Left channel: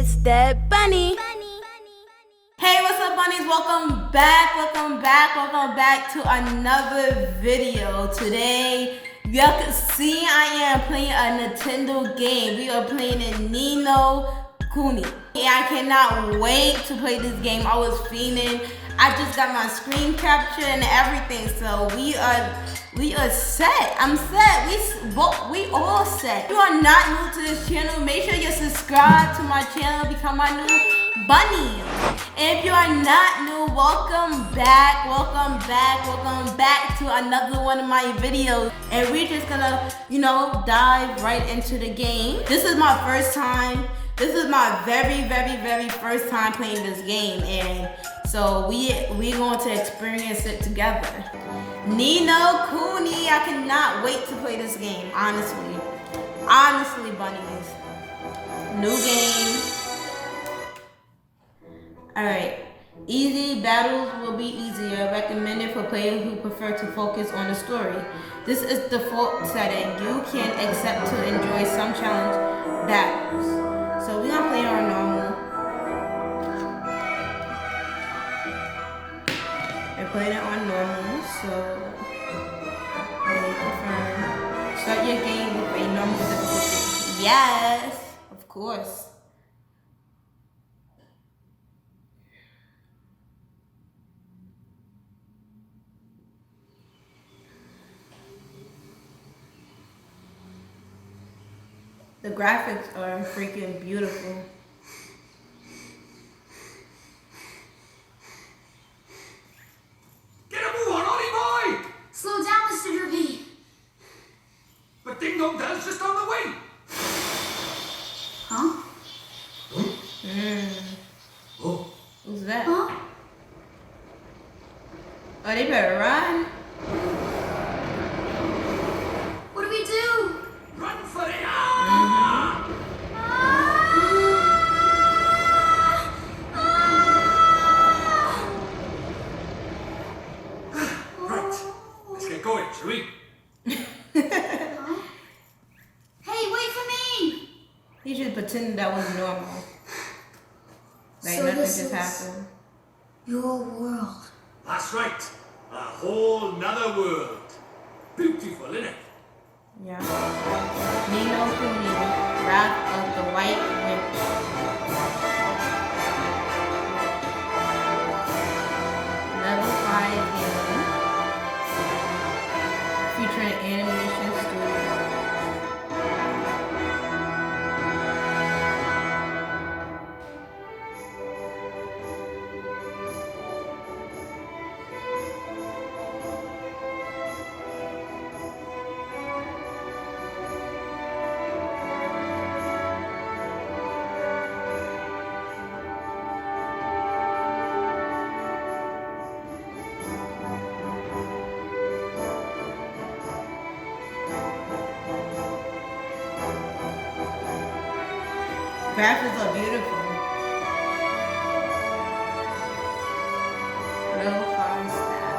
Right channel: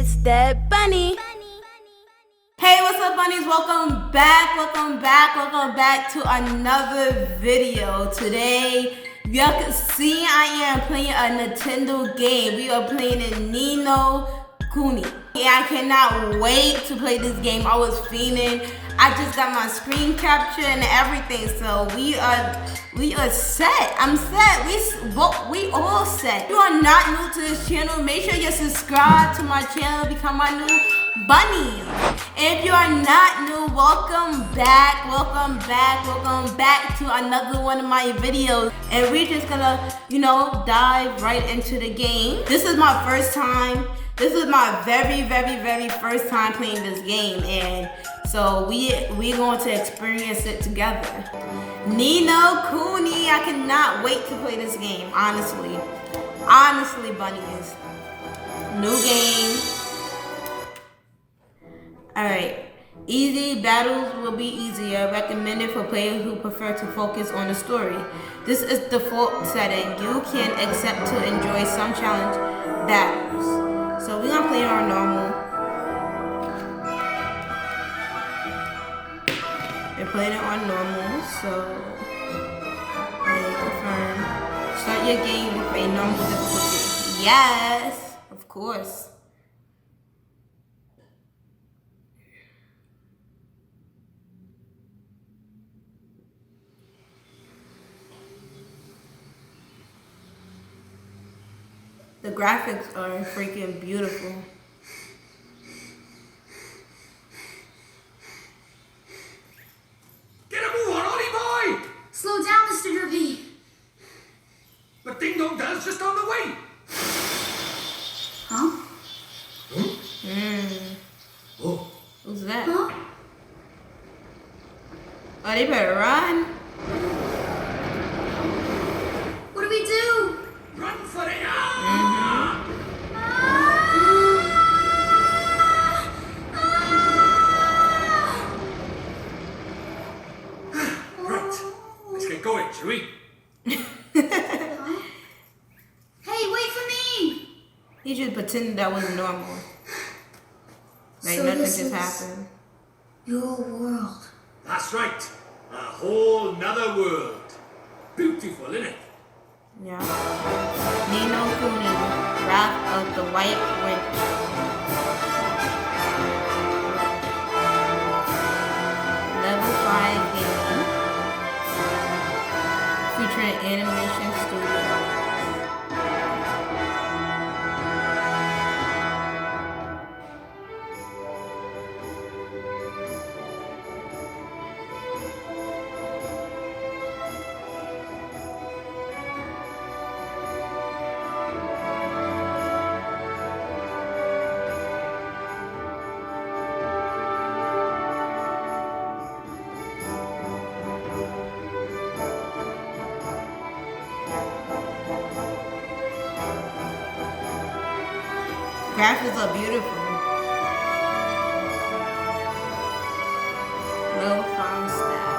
It's Debb Bunni. Hey, what's up, bunnies? Welcome back to another video. Today, y'all can see I am playing a Nintendo game. We are playing in Kuni. I cannot wait to play this game. I was fiending. I just got my screen capture and everything, so we are set. I'm set. We all set. If you are not new to this channel, make sure you subscribe to my channel, become my new bunny. And if you are not new, welcome back to another one of my videos. And we're just gonna, dive right into the game. This is my first time. This is my very first time playing this game, and so we're going to experience it together. Kuni, I cannot wait to play this game, honestly, bunnies. New game. Alright, easy battles will be easier, recommended for players who prefer to focus on the story. This is default setting. You can accept to enjoy some challenge battles. So we're gonna play our normal. We're playing it on normal, so confirm. Start your game with a normal difficulty. Yes, of course. The graphics are freaking beautiful. Get a move on, Ollie boy! Slow down, Mr. Derby. But Ding Dong Dell's just on the way. Huh? Oh. Who's that? Huh? Oh, they better run. What do we do? Run for it! Right. Let's get going, shall we? Hey, wait for me! He just pretended that was normal. Like So nothing this just is happened. your world. That's right. A whole nother world. Beautiful, innit? Yeah. Kuni, Wrath of the White Witch. Level 5 game. Featuring animation studio. Graphics are beautiful. Level 5 staff.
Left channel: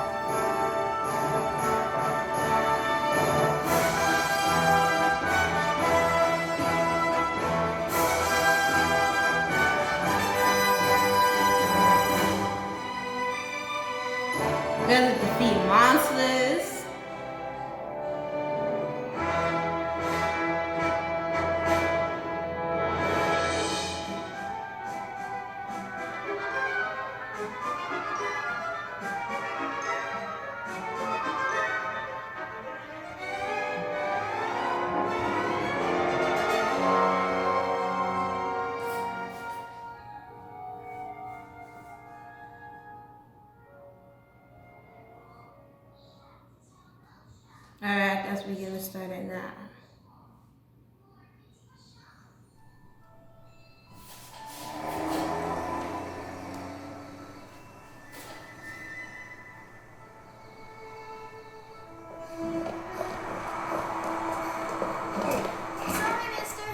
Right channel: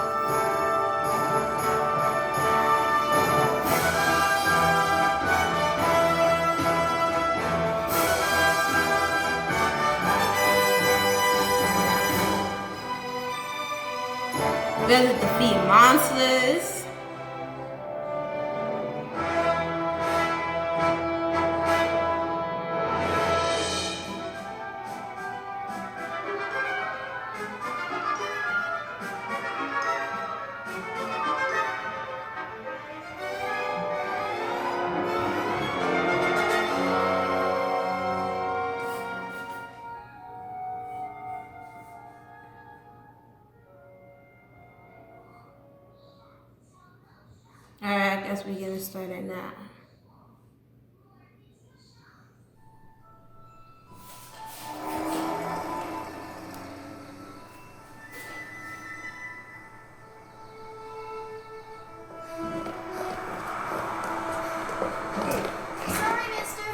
We have to defeat monsters. Alright, I guess we're gonna start it now. Sorry, mister.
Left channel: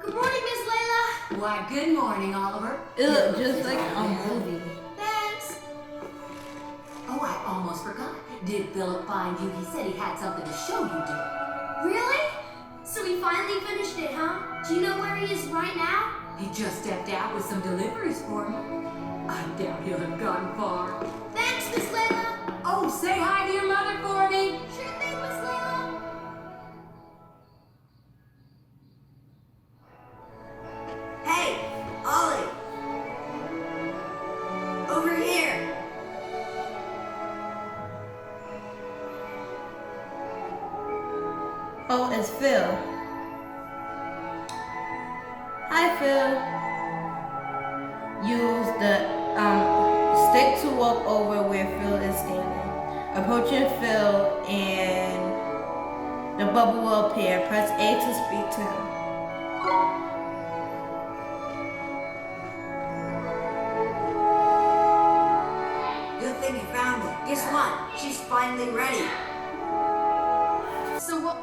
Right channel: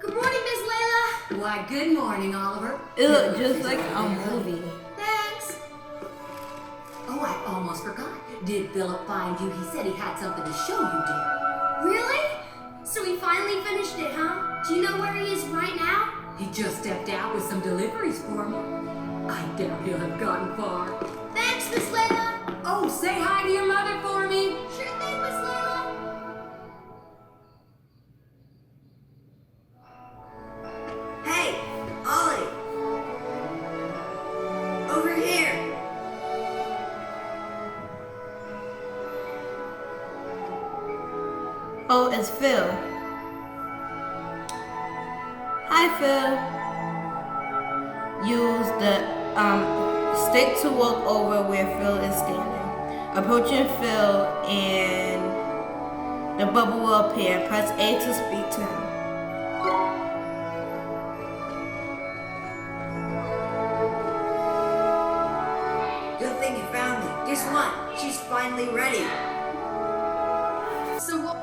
Good morning, Miss Layla. Why, good morning, Oliver. It looked just like a movie. Thanks. Oh, I almost forgot. Did Philip find you? He said he had something to show you, dear. Really? So he finally finished it, huh? Do you know where he is right now? He just stepped out with some deliveries for me. I doubt he'll have gone far. Thanks, Miss Layla. Oh, say hi to your mother for me. Sure thing, Miss Layla. Hey, Ollie! Over here! Oh, it's Phil. Hi, Phil. Use the stick to walk over where Phil is standing. Approaching Phil and the bubble will appear. Press A to speak to him. Good thing you found me. Guess what? She's finally ready. So what?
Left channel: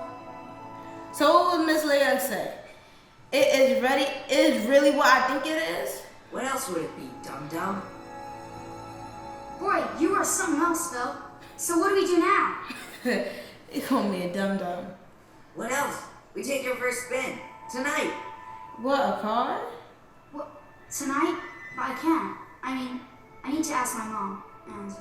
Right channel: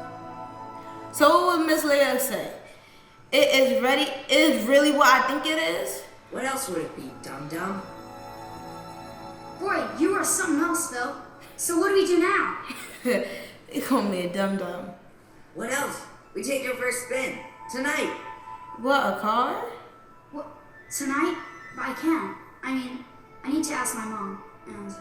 So what would Miss Leia say? It is ready. It is really what I think it is. What else would it be, dum-dum? Boy, you are something else, Phil. So what do we do now? He called me a dum dum. What else? We take our first spin. Tonight. What, a car? What? Tonight? But I can't. I mean, I need to ask my mom. And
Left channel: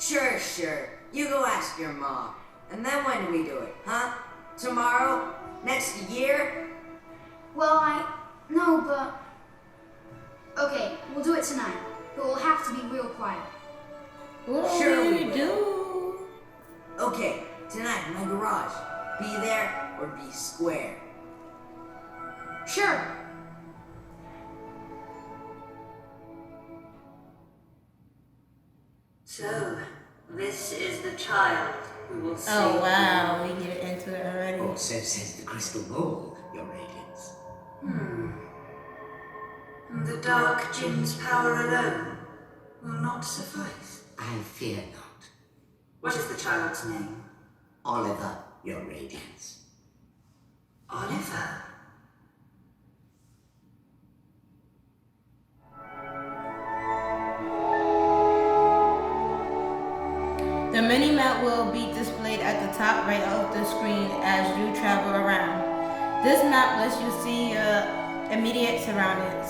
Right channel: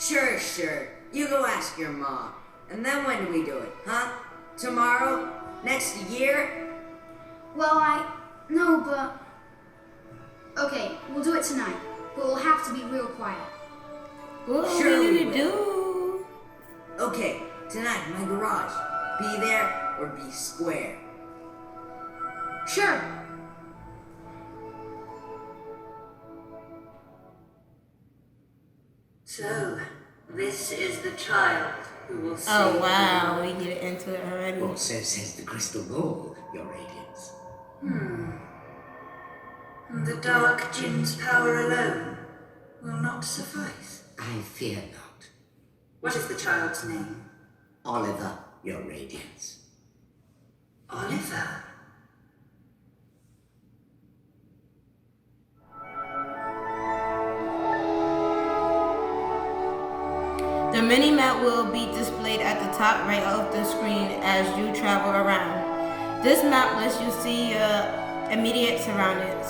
Sure. You go ask your mom. And then when do we do it, huh? Tomorrow? Next year? well, no, but okay, we'll do it tonight. But we'll have to be real quiet. What Sure are we we gonna do? Okay, tonight in my garage. Be there or be square. Sure. So, this is the child who will save Oh you. wow, we get into it already. Or so says the crystal ball, Your Radiance. The dark djinn's power alone will not suffice. I fear not. What is the child's name? Oliver, Your Radiance. Oliver. The mini-map will be displayed at the top right of the screen as you travel around. This map lets you see your immediate surroundings.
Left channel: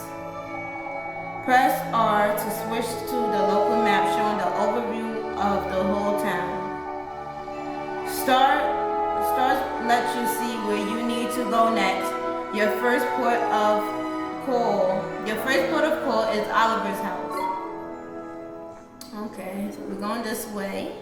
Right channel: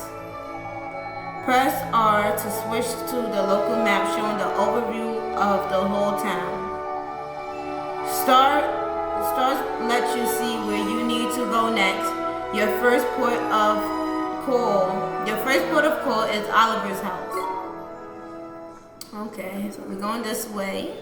Press R to switch to the local map showing the overview of the whole town. Stars let you see where you need to go next. Your first port of call is Oliver's house. Okay, so we're going this way.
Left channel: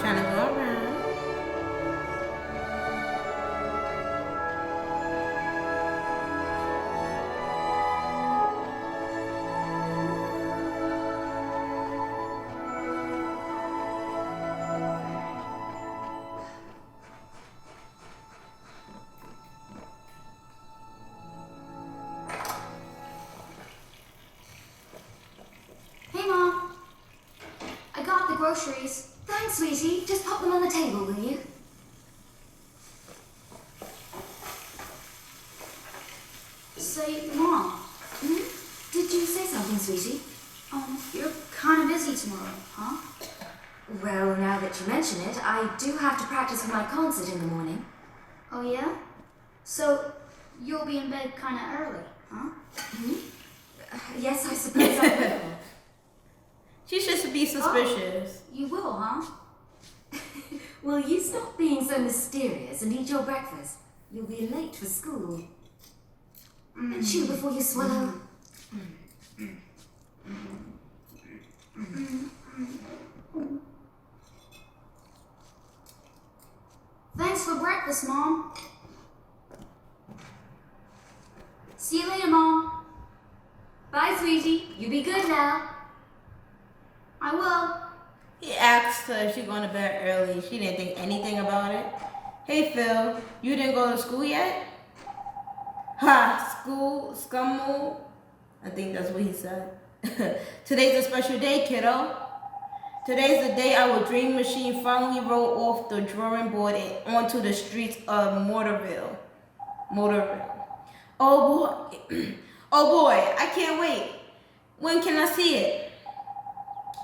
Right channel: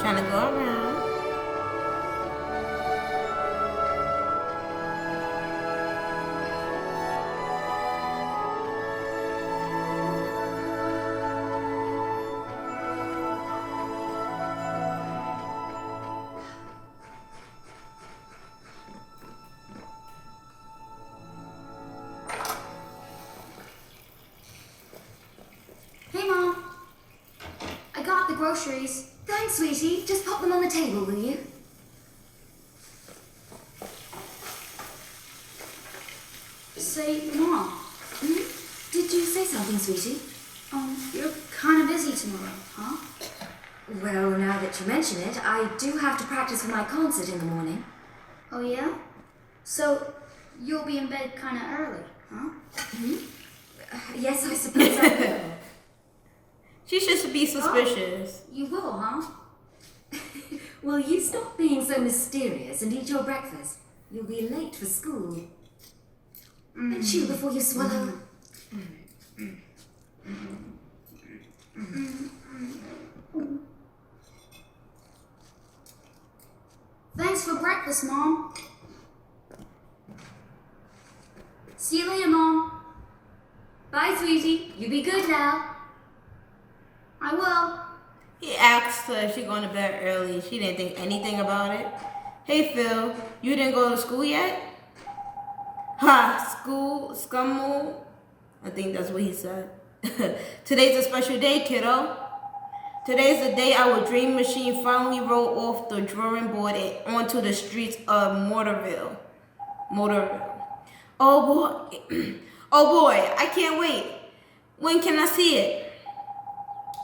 Trying to go around. Hey, Mom. I got the groceries. Thanks, sweetie. Just pop them on the table, will you? Say, Mom, Did you say something, sweetie? you're kind of busy tomorrow, huh? Well, now that you mention it, I do have to practice for my concert in the morning. Oh, yeah? So, you'll be in bed kind of early, huh? Yes, I suppose I will. She should be suspicious. You will, huh? Will you stop being so mysterious and eat your breakfast? You'll be late for school. And chew before you swallow. Thanks for breakfast, Mom. See you later, Mom. Bye, sweetie. You be good now. I will. He asked her if she's going to bed early. She didn't think anything about it. Hey Phil, you didn't go to school yet? Ha, school, scummo. I think that's what he said. Today's a special day, kiddo. Today's the day our dream machine finally rolled off the drawing board and onto the streets of Mortarville. Oh boy. Oh boy, I can't wait. When can I see it?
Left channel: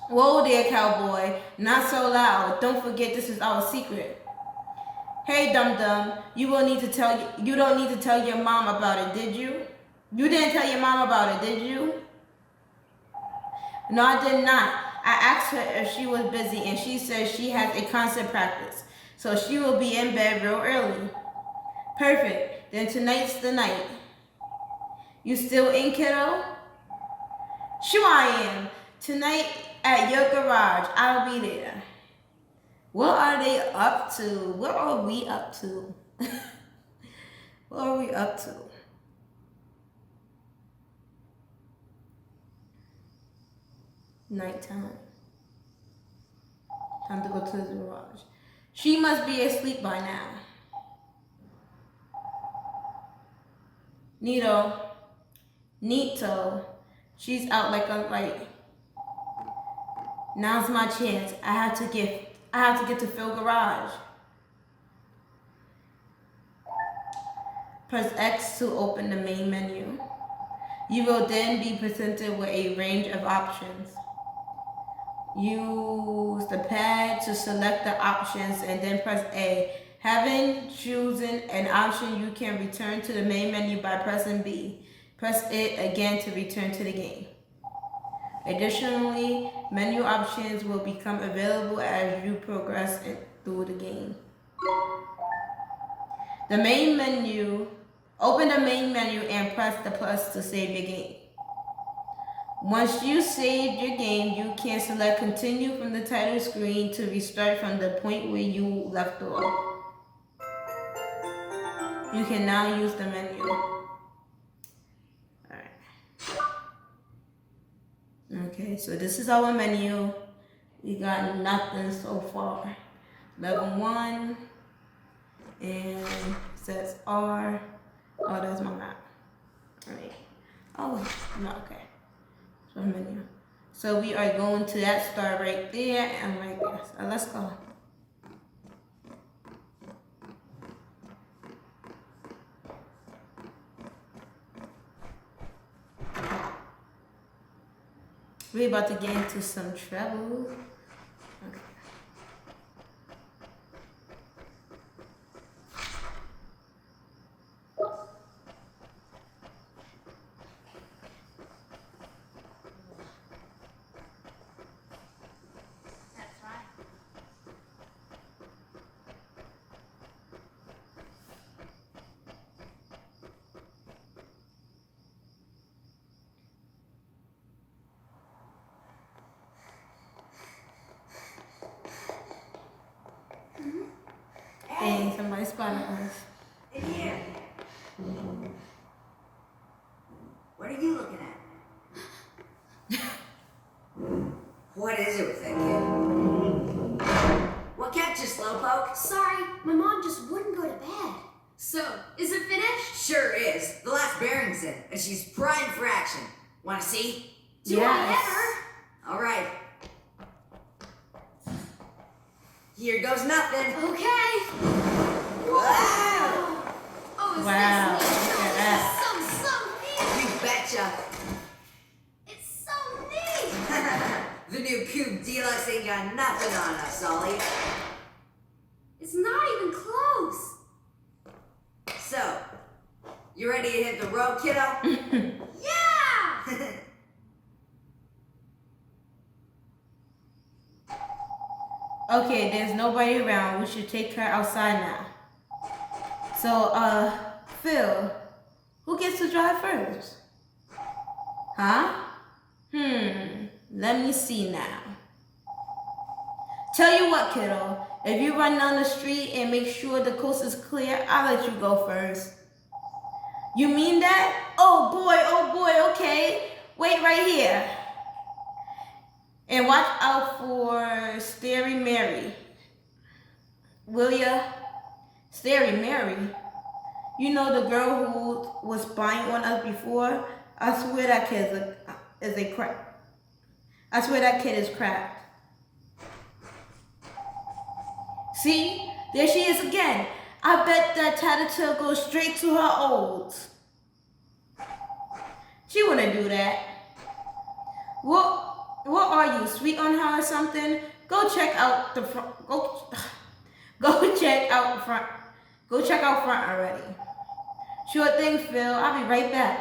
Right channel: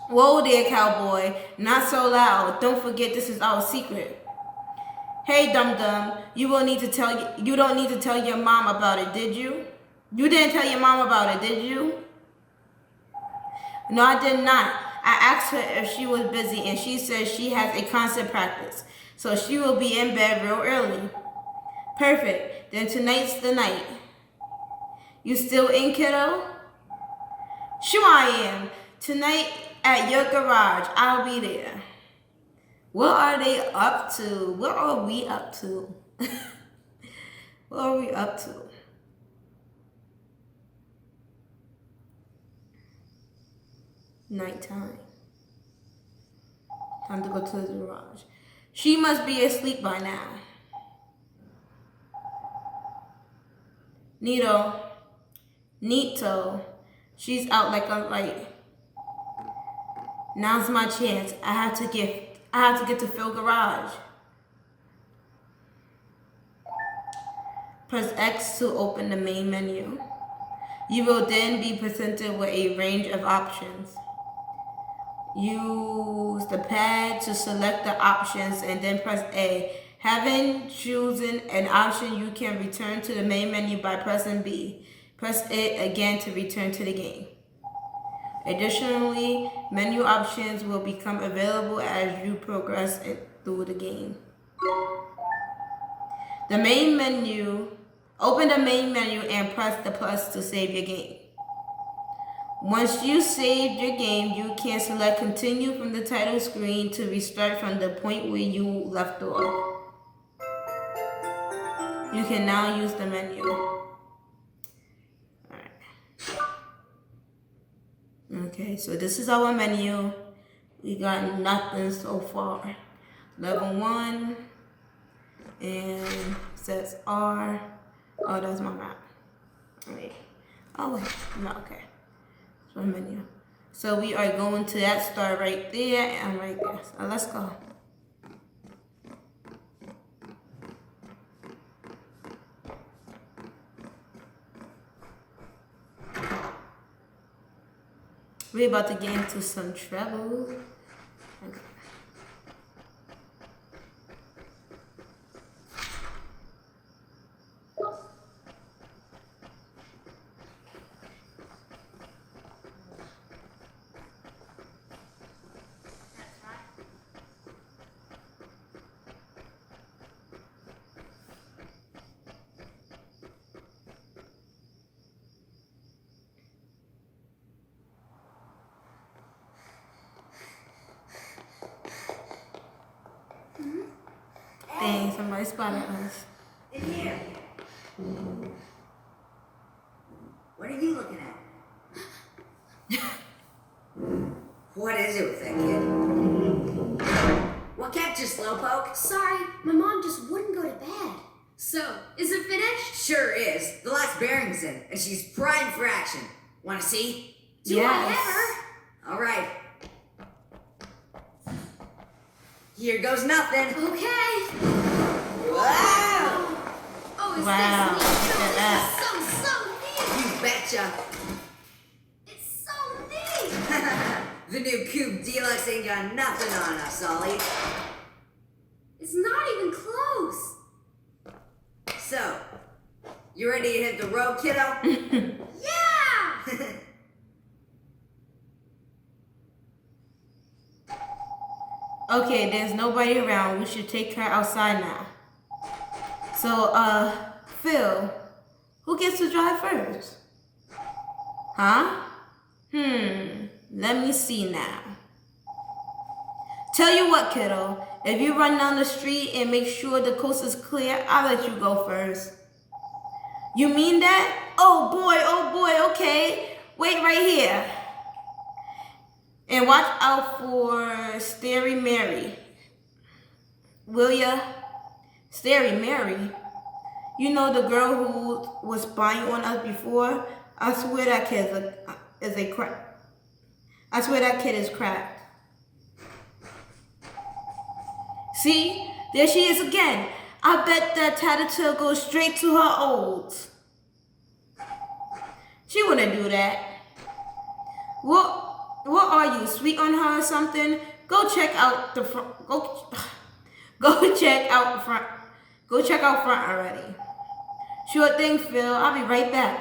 Whoa there, cowboy. Not so loud. Don't forget this is our secret. Hey, dum-dum. You don't need to tell your mom about it, did you? You didn't tell your mom about it, did you? No, I did not. I asked her if she was busy, and she said she has a concert practice, so she will be in bed real early. Perfect. Then tonight's the night. You still in, kiddo? Sure I am. Tonight at your garage. I'll be there. What are they up to? What are we up to? What are we up to? Nighttime. Time to go to the garage. She must be asleep by now. Neato. She's out like a light. Now's my chance. I have to get to Phil garage. Press X to open the main menu. You will then be presented with a range of options. Use the pad to select the options and then press A. Having chosen an option, you can return to the main menu by pressing B. Press it again to return to the game. Additionally, menu options will become available as you progress through the game. Open the main menu and press the plus to save your game. Once you save your game, you can select continue from the title screen to restart from the point where you left off. You can now use the menu. Okay, so this is our menu. We got nothing so far. Level 1, and it says R. Oh, that's my map. Alright. Oh, wait. No, okay. So menu. So we are going to that star right there and right there. So let's go. We're about to get into some trouble. Okay. Dang, somebody spotted us. In here. What are you looking at? What is it with that kid? What kept you, Slowpoke? Sorry, my mom just wouldn't go to bed. So, is it finished? Sure is. The last bearing's in, and she's primed for action. Want to see? Do I ever? All right. Here goes nothing. Okay. Wow! Oh, is Wow, this neat? look at that. This is so neat. You betcha. It's so neat. The new Cube Deluxe ain't got nothing on us, Ollie. It's not even close. So, you ready to hit the road, kiddo? Yeah! Okay, there's nobody around. We should take her outside now. So, Phil, who gets to drive first? Huh? Let me see now. Tell you what, kiddo. If you run down the street and make sure the coast is clear, I'll let you go first. You mean that? Oh boy, okay. Wait right here. And watch out for Starry Mary. Will ya? Starry Mary? You know the girl who was spying on us before? I swear that kid is a crap. I swear that kid is crap. See? There she is again. I bet that Tattletale goes straight to her olds. She wouldn't do that. What are you, sweet on her or something? Go check out the front. Go check out front. Go check out front already. Sure thing, Phil. I'll be right back.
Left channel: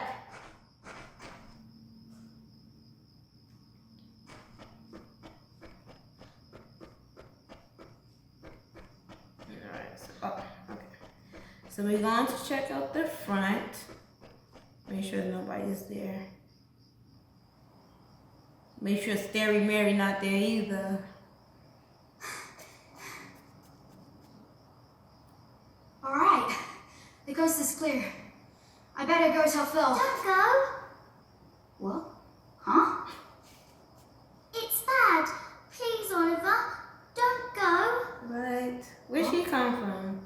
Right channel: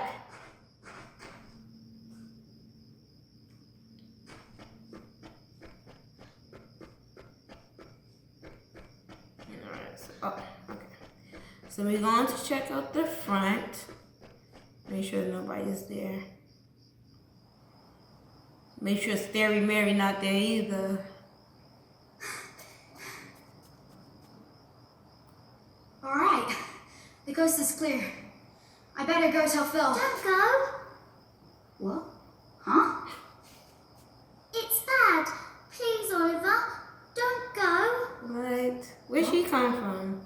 So we're going to check out the front. Make sure nobody's there. Make sure Scary Mary not there either. Alright, the coast is clear. I better go tell Phil. Don't go. What? Huh? It's Dad. Please, Oliver. Don't go. Right. Where'd she come from?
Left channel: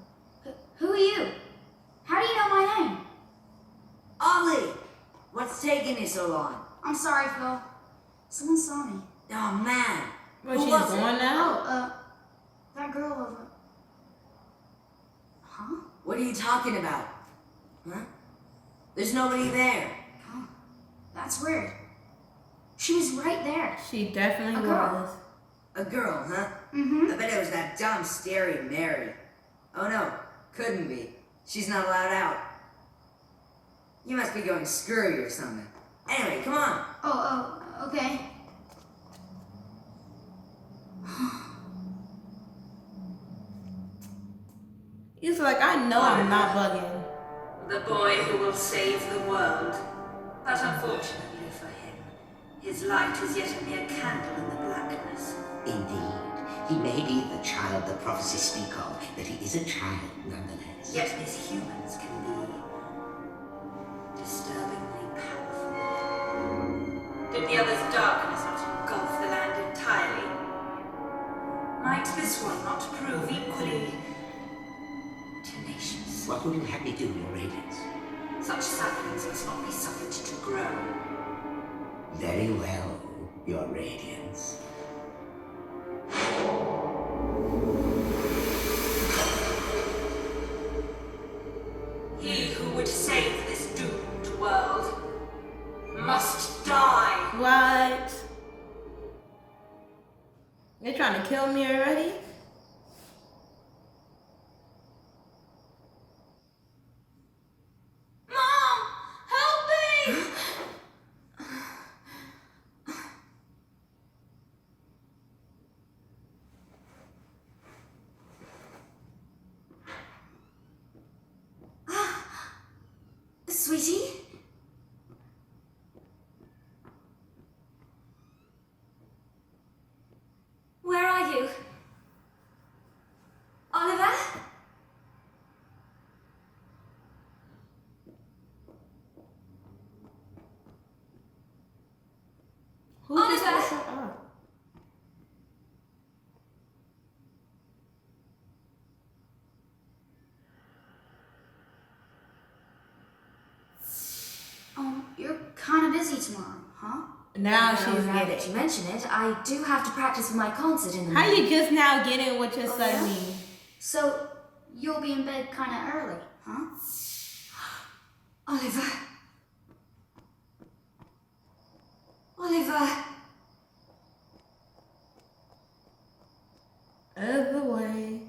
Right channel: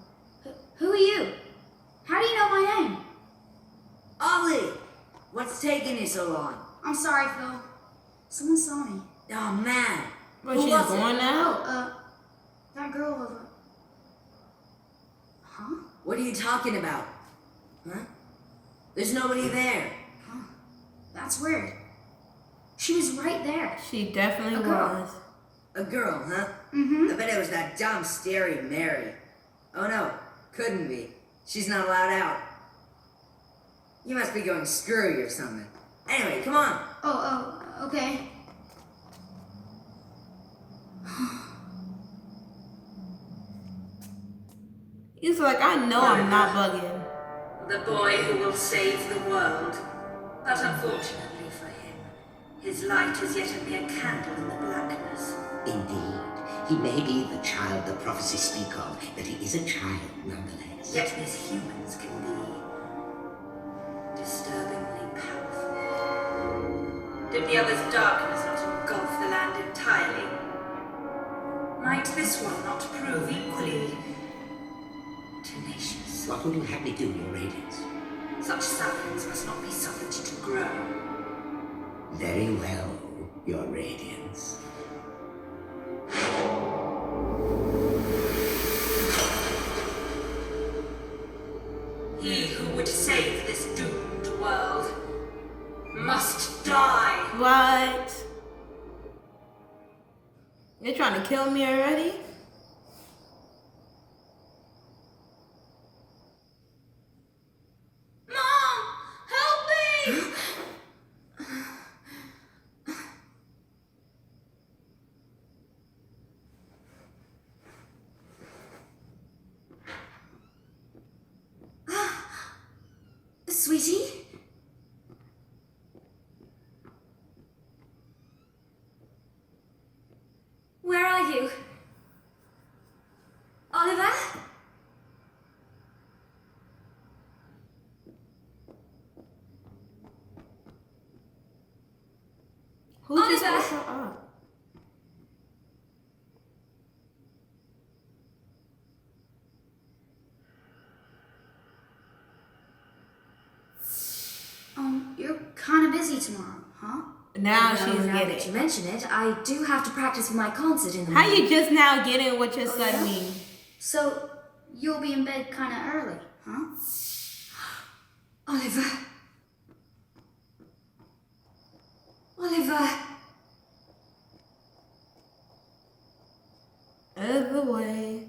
Who are you? How do you know my name? Ollie! What's taking you so long? I'm sorry, Phil. Someone saw me. Oh, man. Well, Who she's was it? going now? Oh, that girl over. Huh? What are you talking about? Huh? There's nobody there. Huh. That's weird. She was right there. She definitely A girl. was. A girl, huh? Mm-hmm. I bet it was that dumb Stereo Mary. Oh no, couldn't be. She's not allowed out. You must be going screwy or something. Anyway, come on. Oh, okay. He's like, I know I'm not bugging. The boy who will save the world. But unfortunately for him, his light is yet a mere candle in the blackness. Indeed, he may be the child the prophecies speak of, but he is a child nonetheless. Yet these humans can be disturbingly powerful. Did the other's darkness not engulf the land entirely? Might this one not prove equally tenacious? What will you have me do, Your Radiance? Such saplings must not be suffered to grow. Very well, Your Radiance. He who would save this doomed world must die. What? You're trying to kill me already? Mom, help me! Sweetie? Where are you? Oliver? Who just Oliver! woke her up? You're kind of busy tomorrow, huh? Now Well, she's now that you getting. mention it, I do have to practice for my concert in the How morning. you just now getting what your son yeah? mean? So, you'll be in bed kind of early, huh? Oliver. Oliver. Out of the way.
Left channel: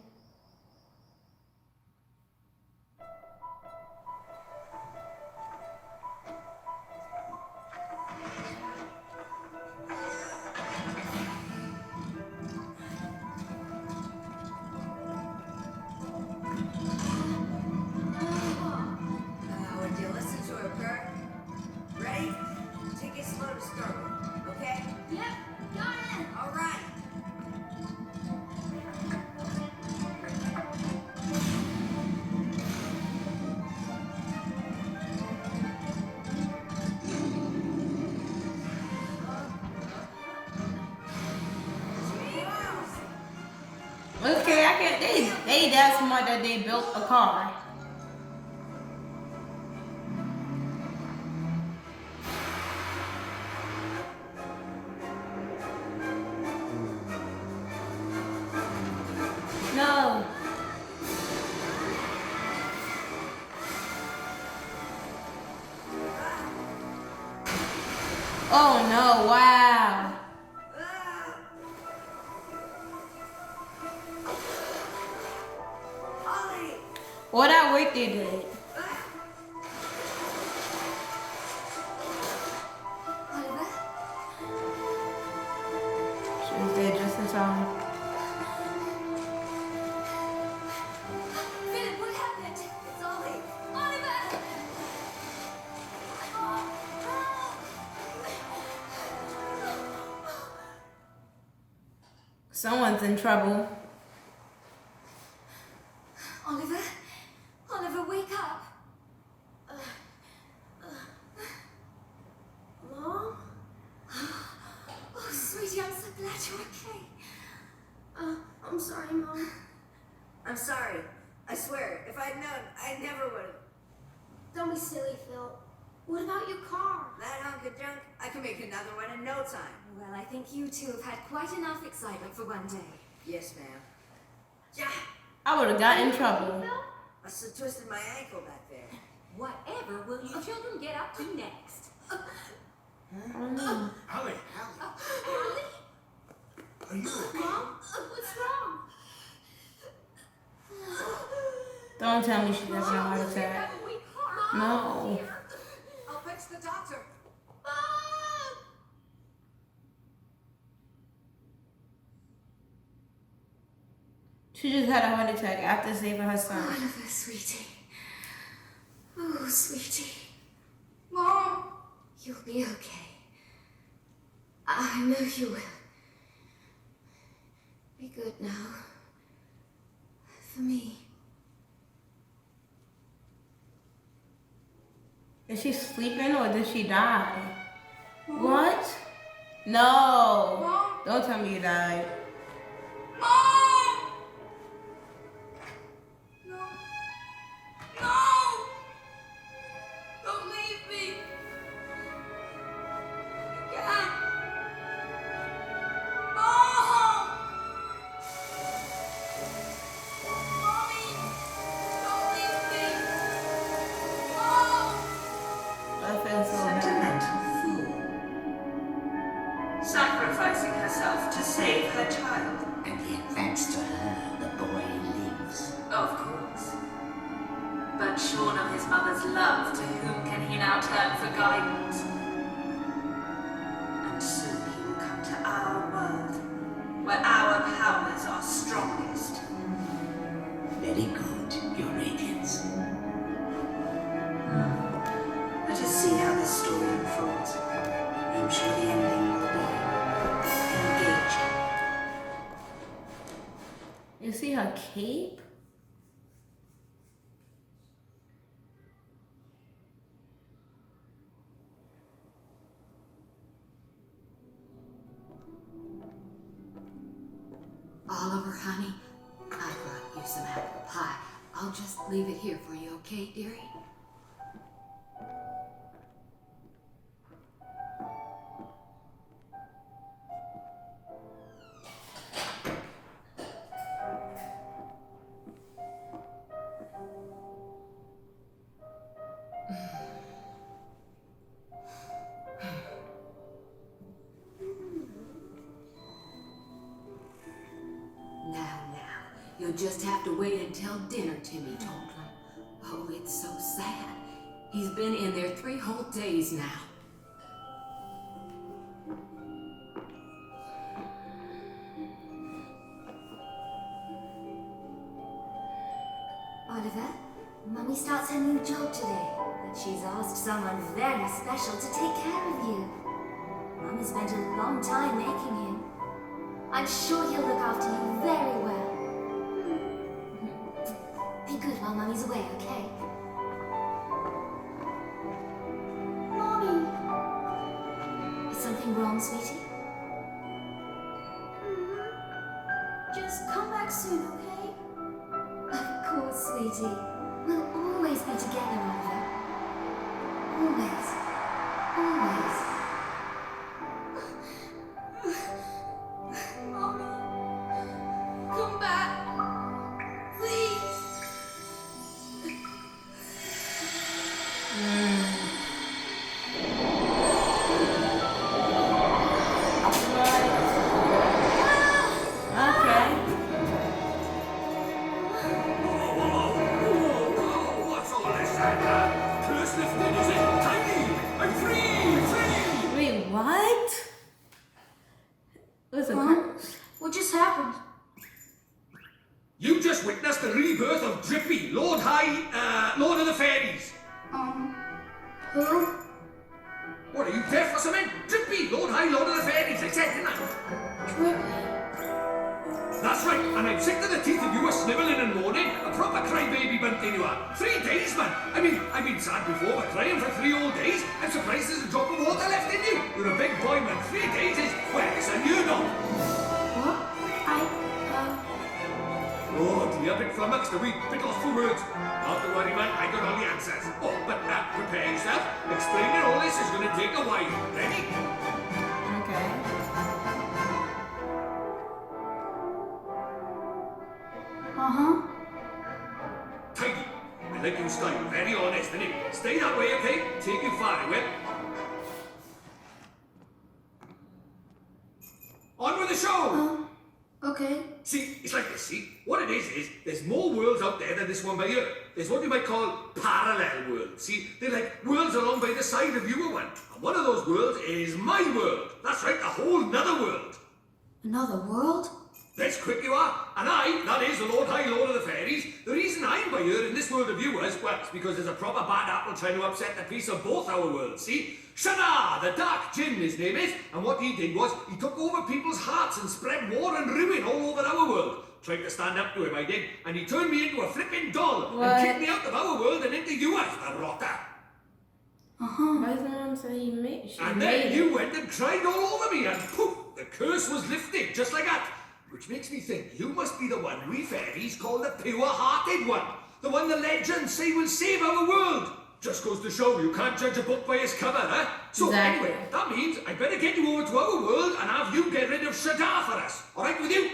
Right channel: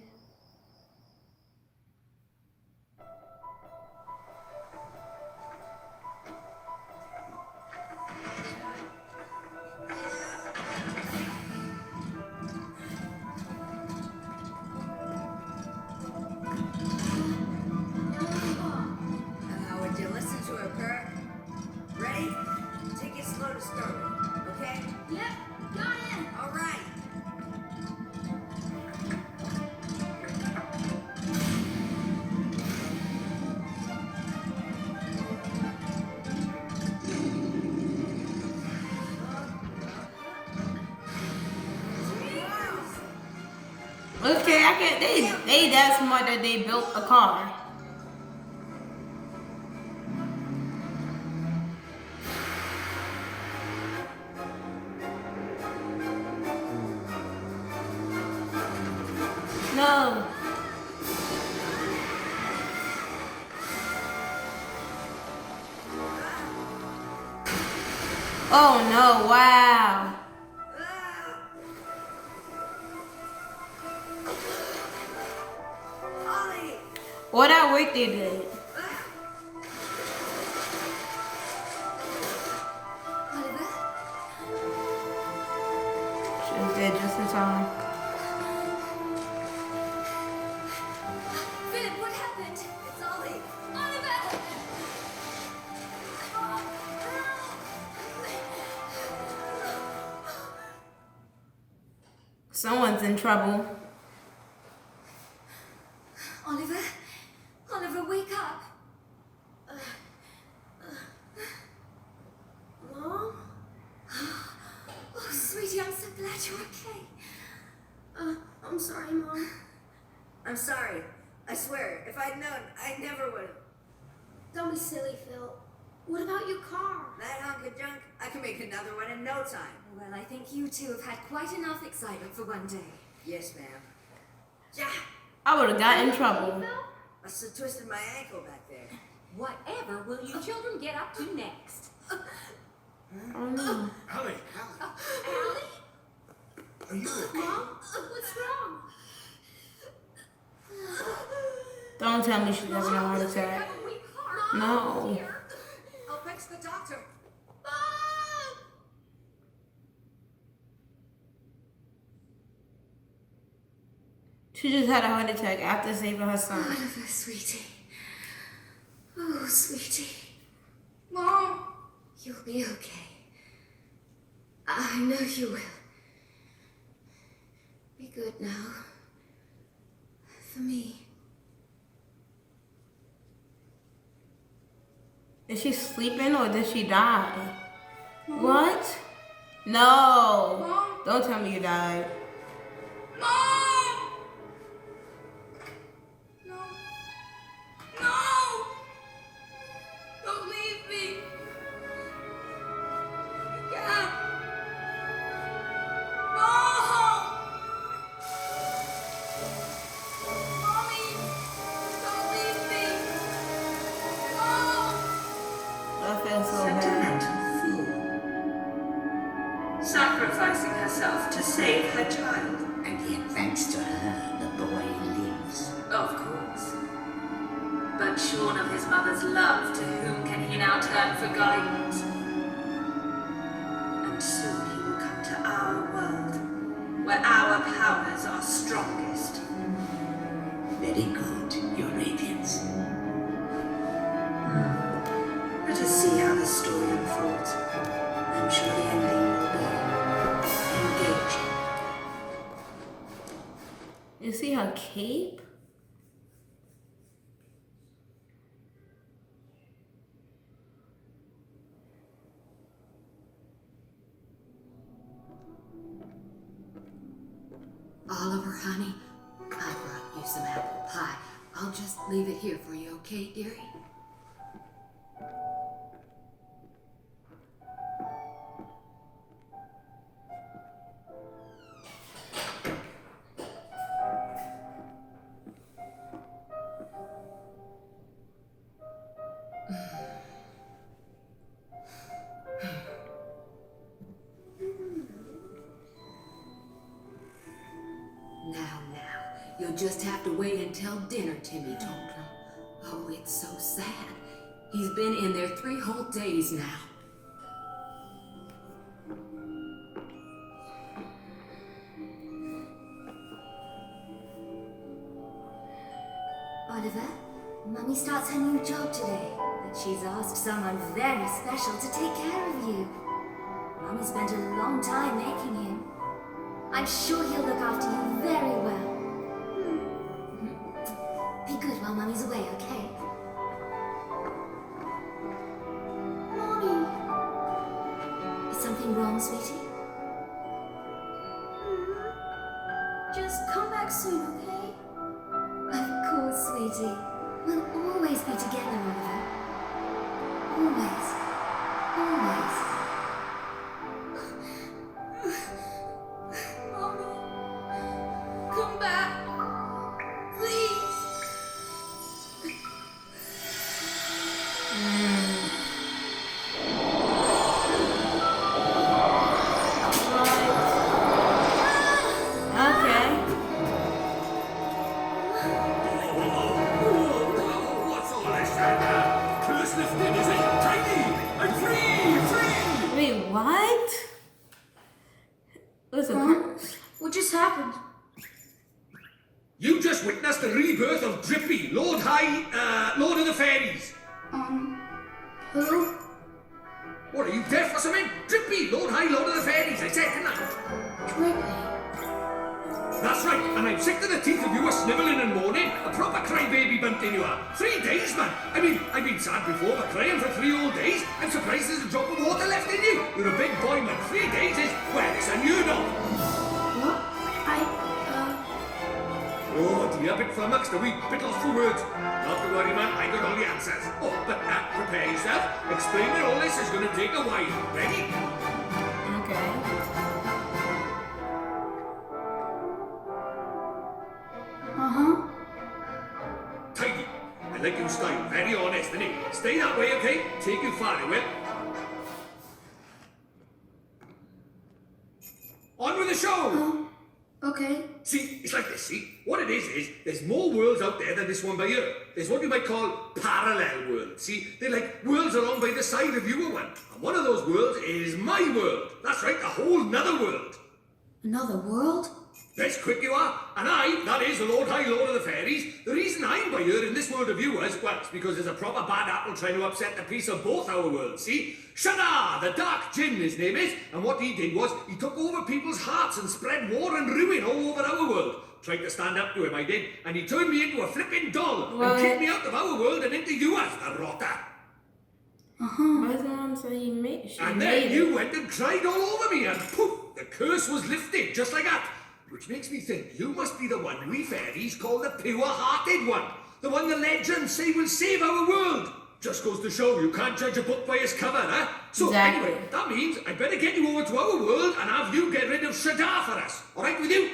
Would you listen to her, Kurt? Ready? Take it slow to start with, okay? Yep, got it. All right. Okay, I can't. They that smart that they built a car. No. Oh no, wow. Ollie! What that work they did. Oliver? She was there just in time. Philip, what happened? It's Ollie. Oliver! Someone's in trouble. Oliver? Oliver, wake up! Mom? Oh, sweetie, I'm so glad you're okay. I'm sorry, Mom. I'm sorry. I swear, if I'd known, I never would have. Don't be silly, Phil. What about your car? That hunk of junk, I can make another one in no time. Well, I think you two have had quite enough excitement for one day. Yes, ma'am. Yeah, I would have got in trouble. Phil? I must have twisted my ankle back there. Whatever will you children get up to next? Oh no. Allie, Allie? are you okay? Mom? What's wrong? Don't tell me she's having a heart attack. No. I'll fetch the doctor. She just had a heart attack after saving her son. Oliver, sweetie. Oh, sweetie. Mom? You'll be okay. I know you will. Be good now. For me. Is she sleeping or did she die? What? No. Mom? Don't tell me you died. Mom! No. No! Don't leave me. You can't. Mom! Mommy! Don't leave me. Mom! I feel so bad. Sentimental fool. Sacrificing herself to save her child. And yet, thanks to her, the boy lives. Of course. But shorn of his mother's love, to whom can he now turn for guidance? And soon he will come to our world, where our powers are strongest. Very good, Your Radiance. Let us see how this story unfolds. I'm sure the ending will be engaging. You see her cape? Oliver, honey, I brought you some apple pie. I'll just leave it here for you, okay, dearie? You'll just have to wait until dinner, Timmy told him. Oh, it's so sad. He's been in there 3 whole days now. Oliver, Mummy starts her new job today, but she's asked someone very special to take care of you. Mummy spent a long time making him. I'm sure he'll look after you very well. Be good while Mummy's away, okay? Mommy. Is something wrong, sweetie? Just come back soon, okay? Of course, sweetie. We'll always be together, Oliver. Always. Always. Mommy. Come back. Please. just happened? You just witnessed the rebirth of Drippy, Lord of the Fairies. Who? What, are you deaf or something? Drippy, Lord of the Fairies, I said, didn't I? Drippy. That's right, and I'm sick to the teeth of you a snivelling and moaning. A proper crybaby bunting you are. 3 days, man. I mean, I've been sad before, but crying for 3 whole days? I'm surprised there's a drop of water left in you. You're a big boy, man. 3 days is, well, it's unheard of. What? Oh dear, bit flummoxed, a wee bit lost for words. Not to worry, man, I got all the answers. Oh, but prepare yourself. Explaining all this is going to take a while. Ready? Okay. Tidy. I like your style. Very honest, innit? Stay that way, okay? Take it far, will? On with the show! Okay. See, it's like this, see? What it is there's more worlds out there than this one by here. There's what you might call parallel worlds, see? They're like worlds along by the side of your one. And one of those worlds is my world. That's right, a whole nother world. Another world? That's quick you are. And that is the Lord of the Fairies. The reason I'm by here in this world of yours, well, it's because there's a proper bad apple trying to upset the peace of both our worlds, see? Shada, the Dark Djinn, his name is, and what he did was, he took over people's hearts and spread war and ruin all over our world. Tried to stand up to him, I did, and he turned me into a flipping doll, and kicked me out of our world and into yours, the rotter. Why does mom say he made it? And then you went and cried all over me, and poof, the curse was lifted, just like that. Which makes me think you must be the one we fairies call the pure-hearted one. The one the legends say will save our world. Just goes to show you can't judge a book by its cover, huh? So Exactly. anyway, that means I'd better get you over to our world and have you get rid of Shada for us. All right with you?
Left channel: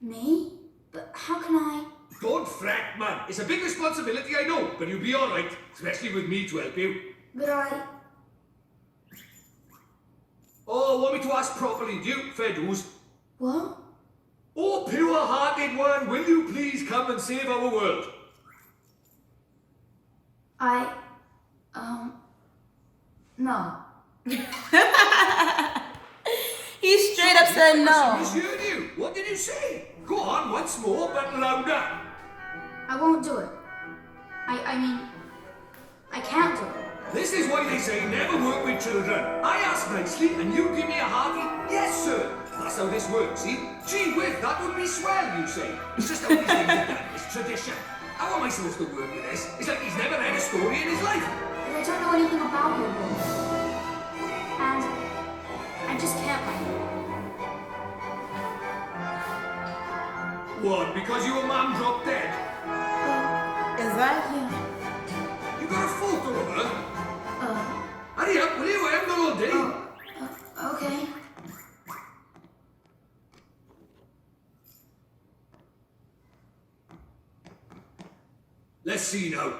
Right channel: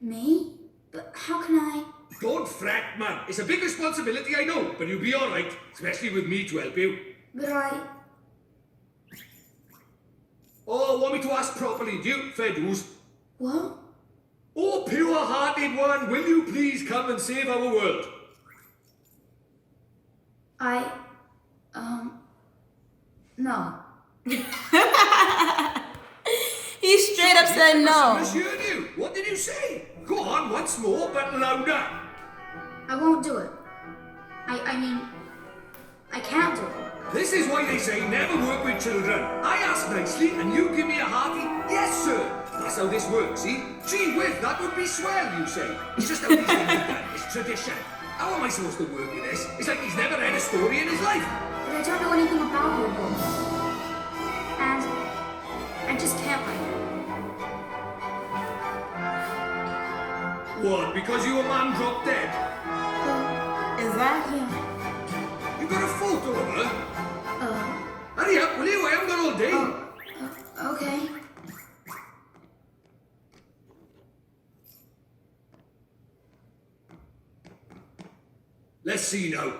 Me? But how can I? Don't fret, man. It's a big responsibility, I know, but you'll be all right, especially with me to help you. But I... Oh, want me to ask properly, do you? Fair dues. What? Oh, pure-hearted one, will you please come and save our world? No. He straight up said I no. misheard you. What did you say? Go on once more, but louder. I won't do it. I mean... I can't do it. This is why they say never work with children. I ask nicely, and you give me a hearty, yes, sir. That's how this works, see? Gee whiz, that would be swell, you say. It's just how these things are done. It's tradition. How am I supposed to work with this? It's like he's never read a story in his life. But I don't know anything about your book. And... I just can't write it. What, because your man dropped dead? Is that him? You got a photo of her? Hurry up, will you? I haven't got all day. Okay. Let's see now.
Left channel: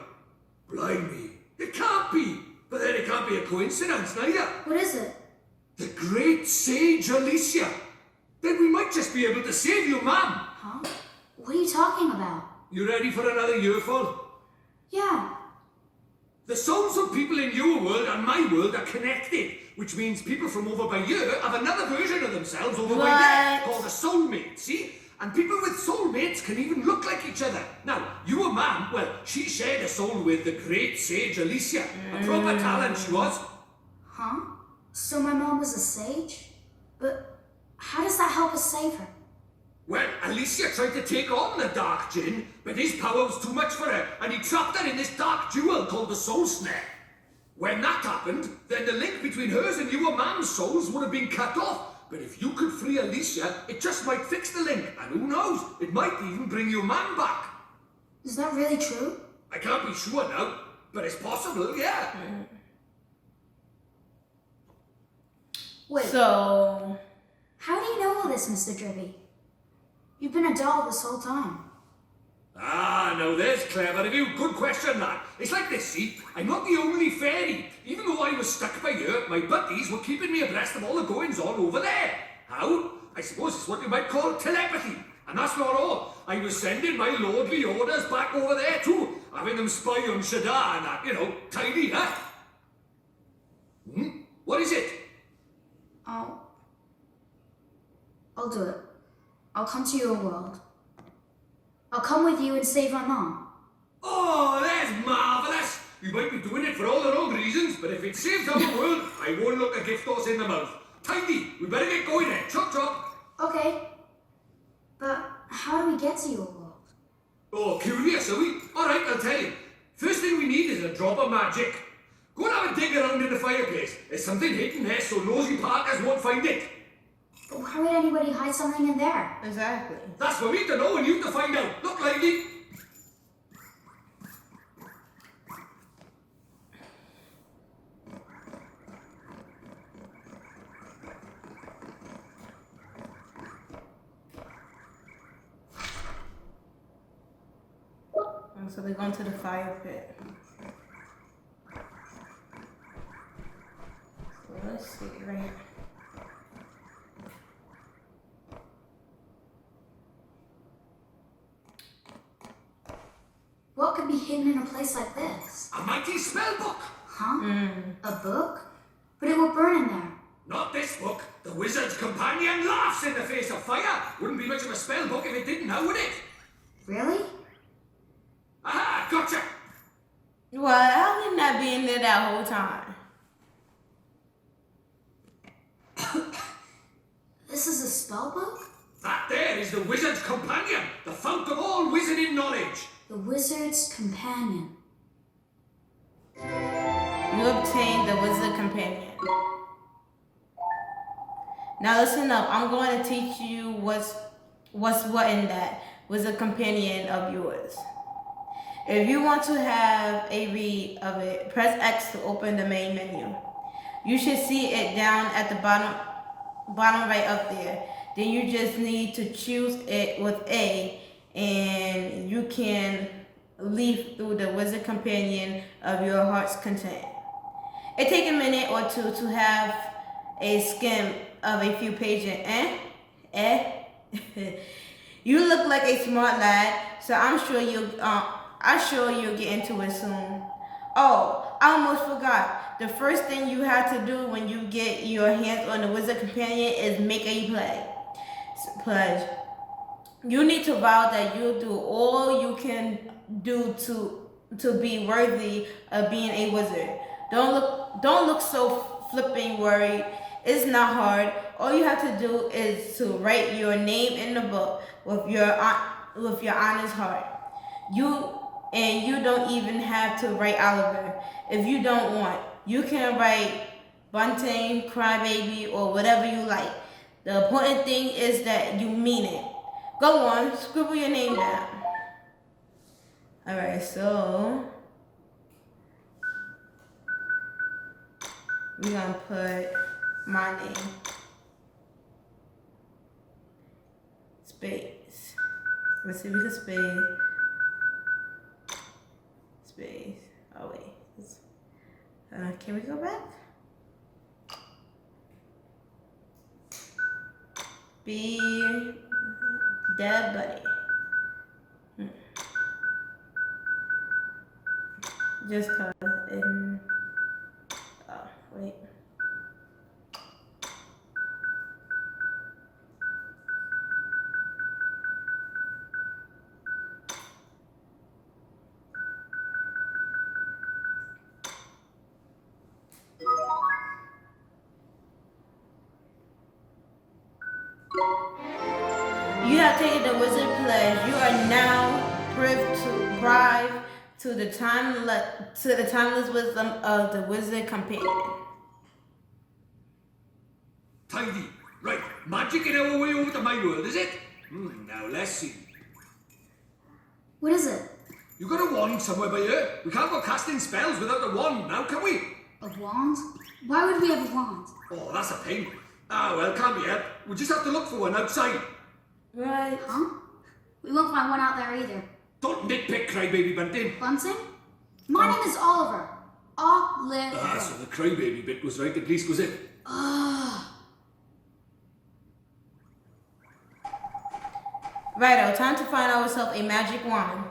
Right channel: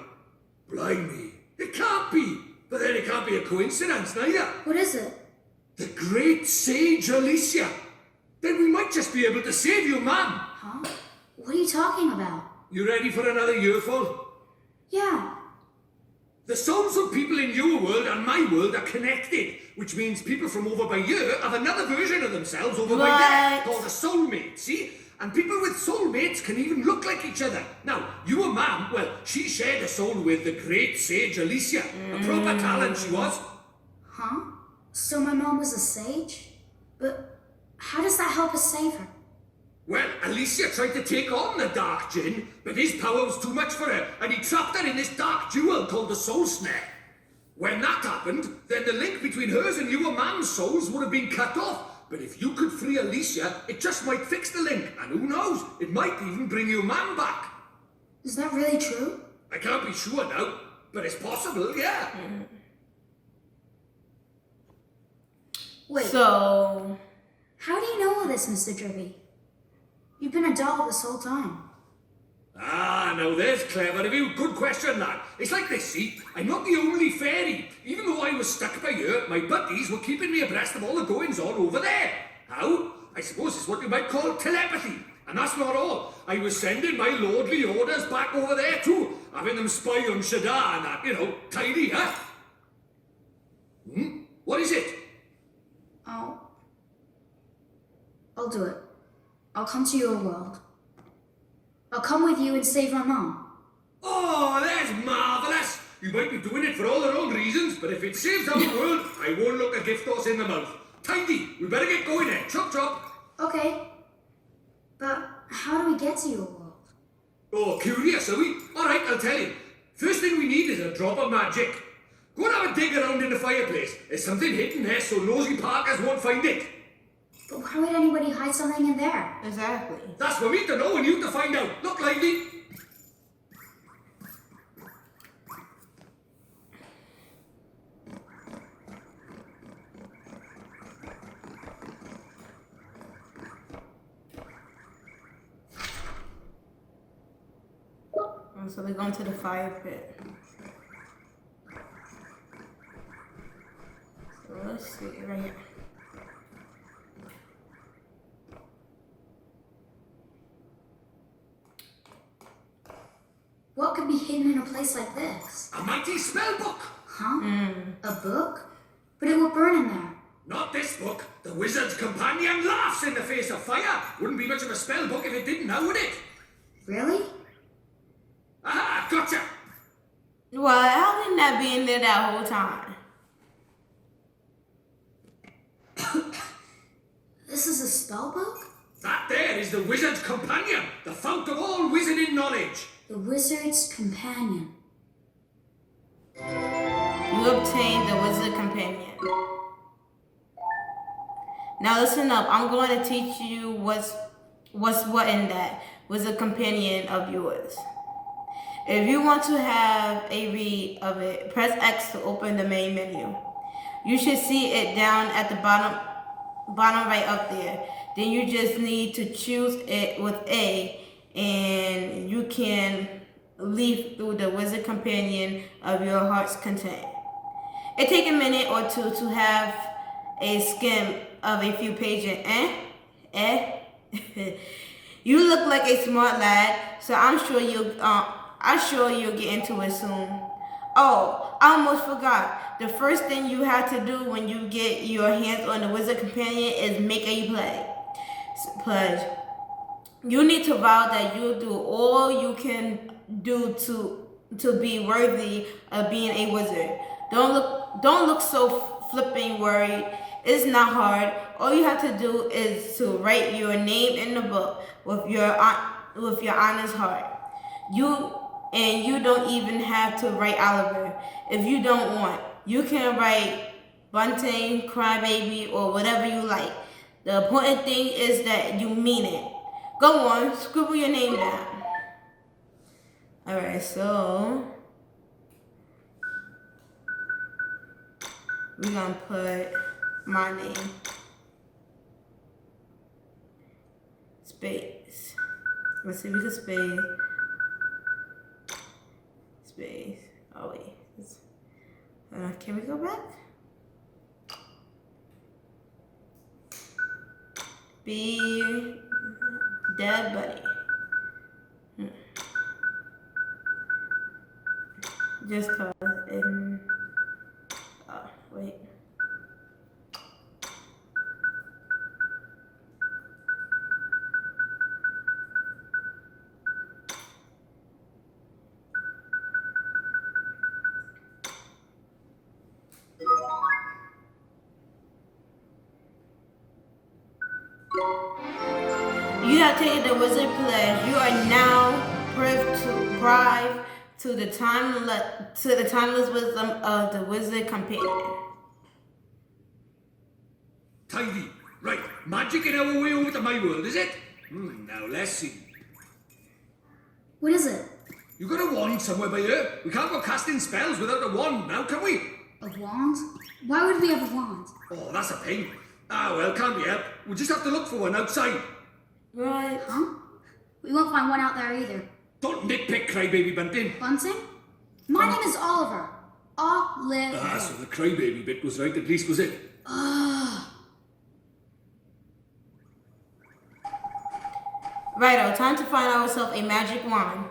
Blimey. It can't be. But then it can't be a coincidence, neither. What is it? The great sage Alicia. Then we might just be able to save you, ma'am. Huh? What are you talking about? You ready for another earful? Yeah. The souls of people in your world and my world are connected, which means people from over by here have another version of themselves over by there, called a soulmate, see? And people with soulmates can even look like each other. Now, your ma'am, well, she shared a soul with the great sage Alicia. A proper talent she was. Huh? So my mom was a sage? But how does that help us save her? Well, Alicia tried to take on the Dark Djinn, but his power was too much for her, and he trapped her in this dark jewel called the Soul Snare. When that happened, then the link between hers and your man's souls would have been cut off. But if you could free Alicia, it just might fix the link, and who knows, it might even bring your man back. Is that really true? I can't be sure now, but it's possible, yeah. Wait, So, how do you know all this, Mr. Drippy? You've been a doll this whole time. Ah, now there's clever of you. Good question, lad. It's like this, see? I'm not the only fairy. Even though I was stuck by here, my buddies were keeping me abreast of all the goings-on over there. How? I suppose it's what you might call telepathy. And that's not all. I was sending my lordly orders back over there too, having them spy on Shada and that, you know, tidy, huh? What is it? I'll do it. I'll come to your world. I'll come with you and save my mom. Oh, that's marvellous! You might be doing it for all the wrong reasons, but if it saves our world, I won't look a gift horse in the mouth. Tidy, we better get going then. Chop chop. Okay. But how do we get to your world? Oh, curious, are we? Alright, I'll tell you. First thing we need is a drop of magic. Go and have a dig around in the fireplace. There's something hidden there so nosy Parkers won't find it. But why would anybody hide something in there? Exactly. That's for me to know and you to find out. Look lively. So they're going to the fire pit. So let's see right here. What could be hidden in a place like this? A mighty spell book. Huh? A book? But it will burn in there. Not this book. The wizard's companion laughs in the face of fire. Wouldn't be much of a spell book if it didn't, now would it? Really? Aha, gotcha. Well, how can that be in there that whole time? This is a spell book? That there is the wizard's companion, the fount of all wizarding knowledge. The wizard's companion. You obtained the wizard companion. Now listen up. I'm going to teach you what's what in that wizard companion of yours. If you want to have a read of it, press X to open the main menu. You should see it down at the bottom right up there. Then you just need to choose it with A, and you can leaf through the wizard companion of your heart's content. It takes a minute or two to have a skim of a few pages. You look like a smart lad, so I'm sure you'll get into it soon. Oh, I almost forgot. The first thing you have to do when you get your hands on the wizard companion is make a pledge. You need to vow that you'll do all you can do to be worthy of being a wizard. Don't look so flipping worried. It's not hard. All you have to do is to write your name in the book with your honest heart. You don't even have to write Oliver if you don't want. You can write Bunting, Crybaby, or whatever you like. The important thing is that you mean it. Go on, scribble your name down. Alright, so we're gonna put my name. Space. Let's see if we can space. Oh wait. Can we go back? Be Debb Bunni. Just cause in wait. You have taken the wizard pledge. You are now privy to the timeless wisdom of the wizard companion. Tidy. Right, magic in our way over to my world, is it? Now let's see. What is it? You got a wand somewhere by here? We can't go casting spells without a wand now, can we? A wand? Why would we have a wand? Oh, that's a pain. Ah, well, can't be helped. We'll just have to look for one outside. Right. Huh? We won't find one out there either. Don't nitpick, Crybaby Bunting. Bunting? My name is Oliver. Oliver. Ah, so the Crybaby bit was right, at least was it? Righto, time to find ourselves a magic wand.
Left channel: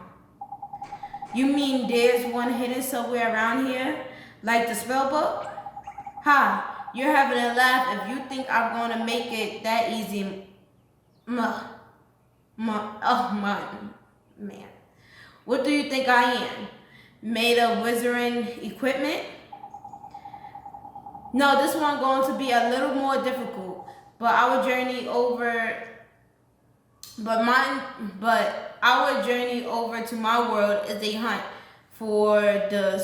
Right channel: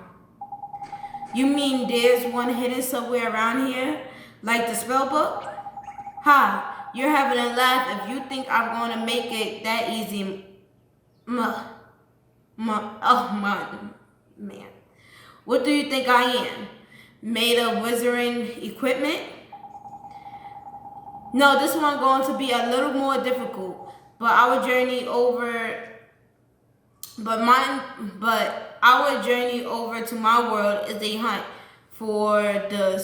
You mean there's one hidden somewhere around here? Like the spell book? Ha, you're having a laugh if you think I'm going to make it that easy. Man. What do you think I am? Made of wizarding equipment? No, this one going to be a little more difficult. But our journey over to my world is a hunt for the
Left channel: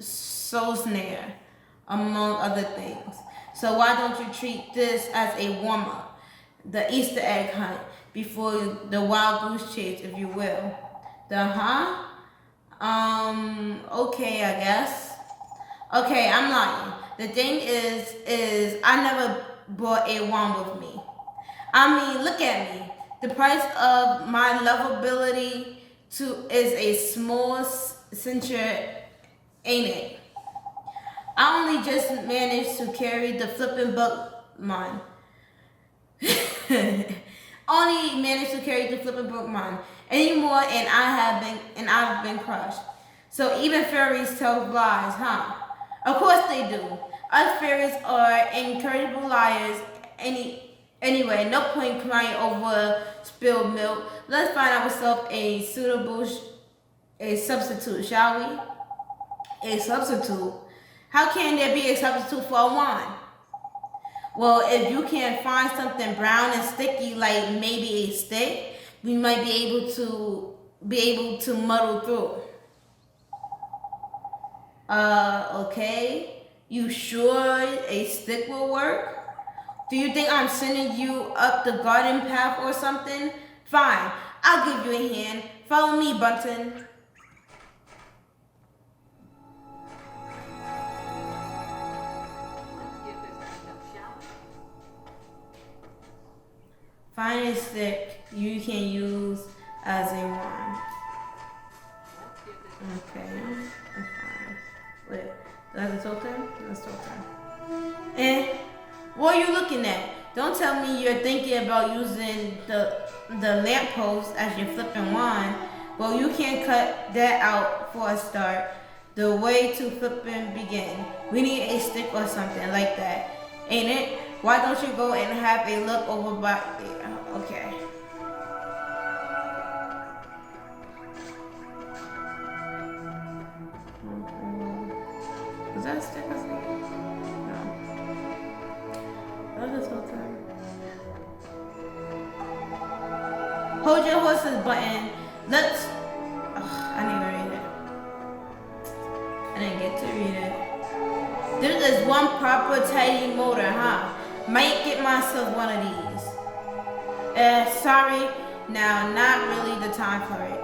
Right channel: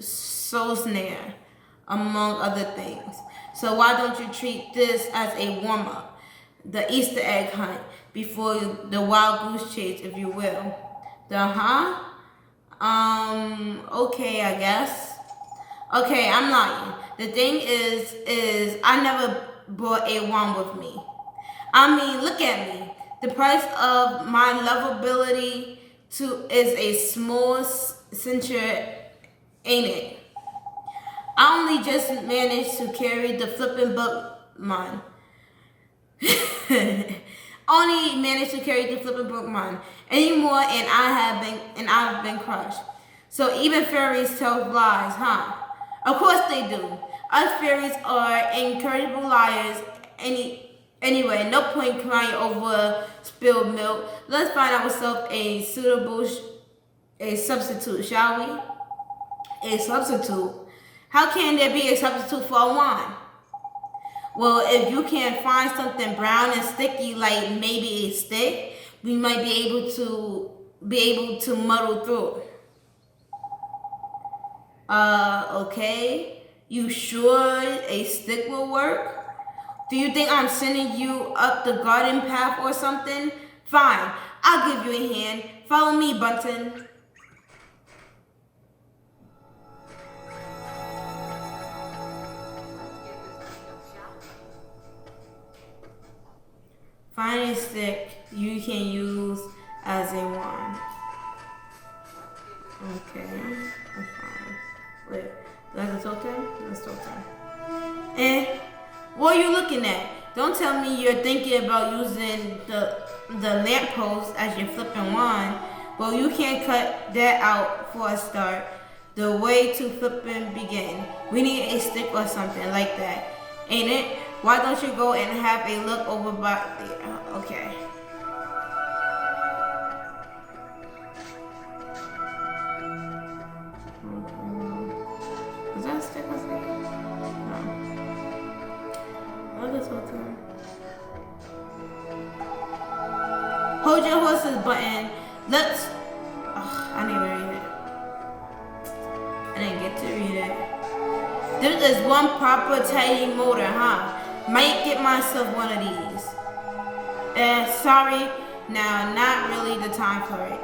soul snare, among other things. So why don't you treat this as a warm-up, the Easter egg hunt before the wild goose chase, if you will. Okay, I guess. Okay, I'm lying. The thing is I never brought a wand with me. I mean, look at me. The price of my lovability is a small censure, ain't it? I only just managed to carry the flipping Bookman. Only managed to carry the flipping Bookman anymore, and I've been crushed. So even fairies tell lies, huh? Of course they do. Us fairies are incredible liars. Anyway, no point crying over spilled milk. Let's find ourselves a substitute, shall we? A substitute? How can there be a substitute for a wand? Well, if you can find something brown and sticky, like maybe a stick, we might be able to muddle through. Okay. You sure a stick will work? Do you think I'm sending you up the garden path or something? Fine, I'll give you a hand. Follow me, Bunton. Find a stick you can use as a wand. Okay, that's fine. Wait, that's a totem? That's totem. What are you looking at? Don't tell me you're thinking about using the lamppost as your flipping wand. Well, you can't cut that out for a start. The way to flipping begin. We need a stick or something like that, ain't it? Why don't you go and have a look over back there? Okay. Was that a stick or something? No. What is totem? Hold your horses button. Let's. I didn't even read it. I didn't get to read it. This is one proper tiny motor, huh? Might get myself one of these. Sorry. Now, not really the time for it.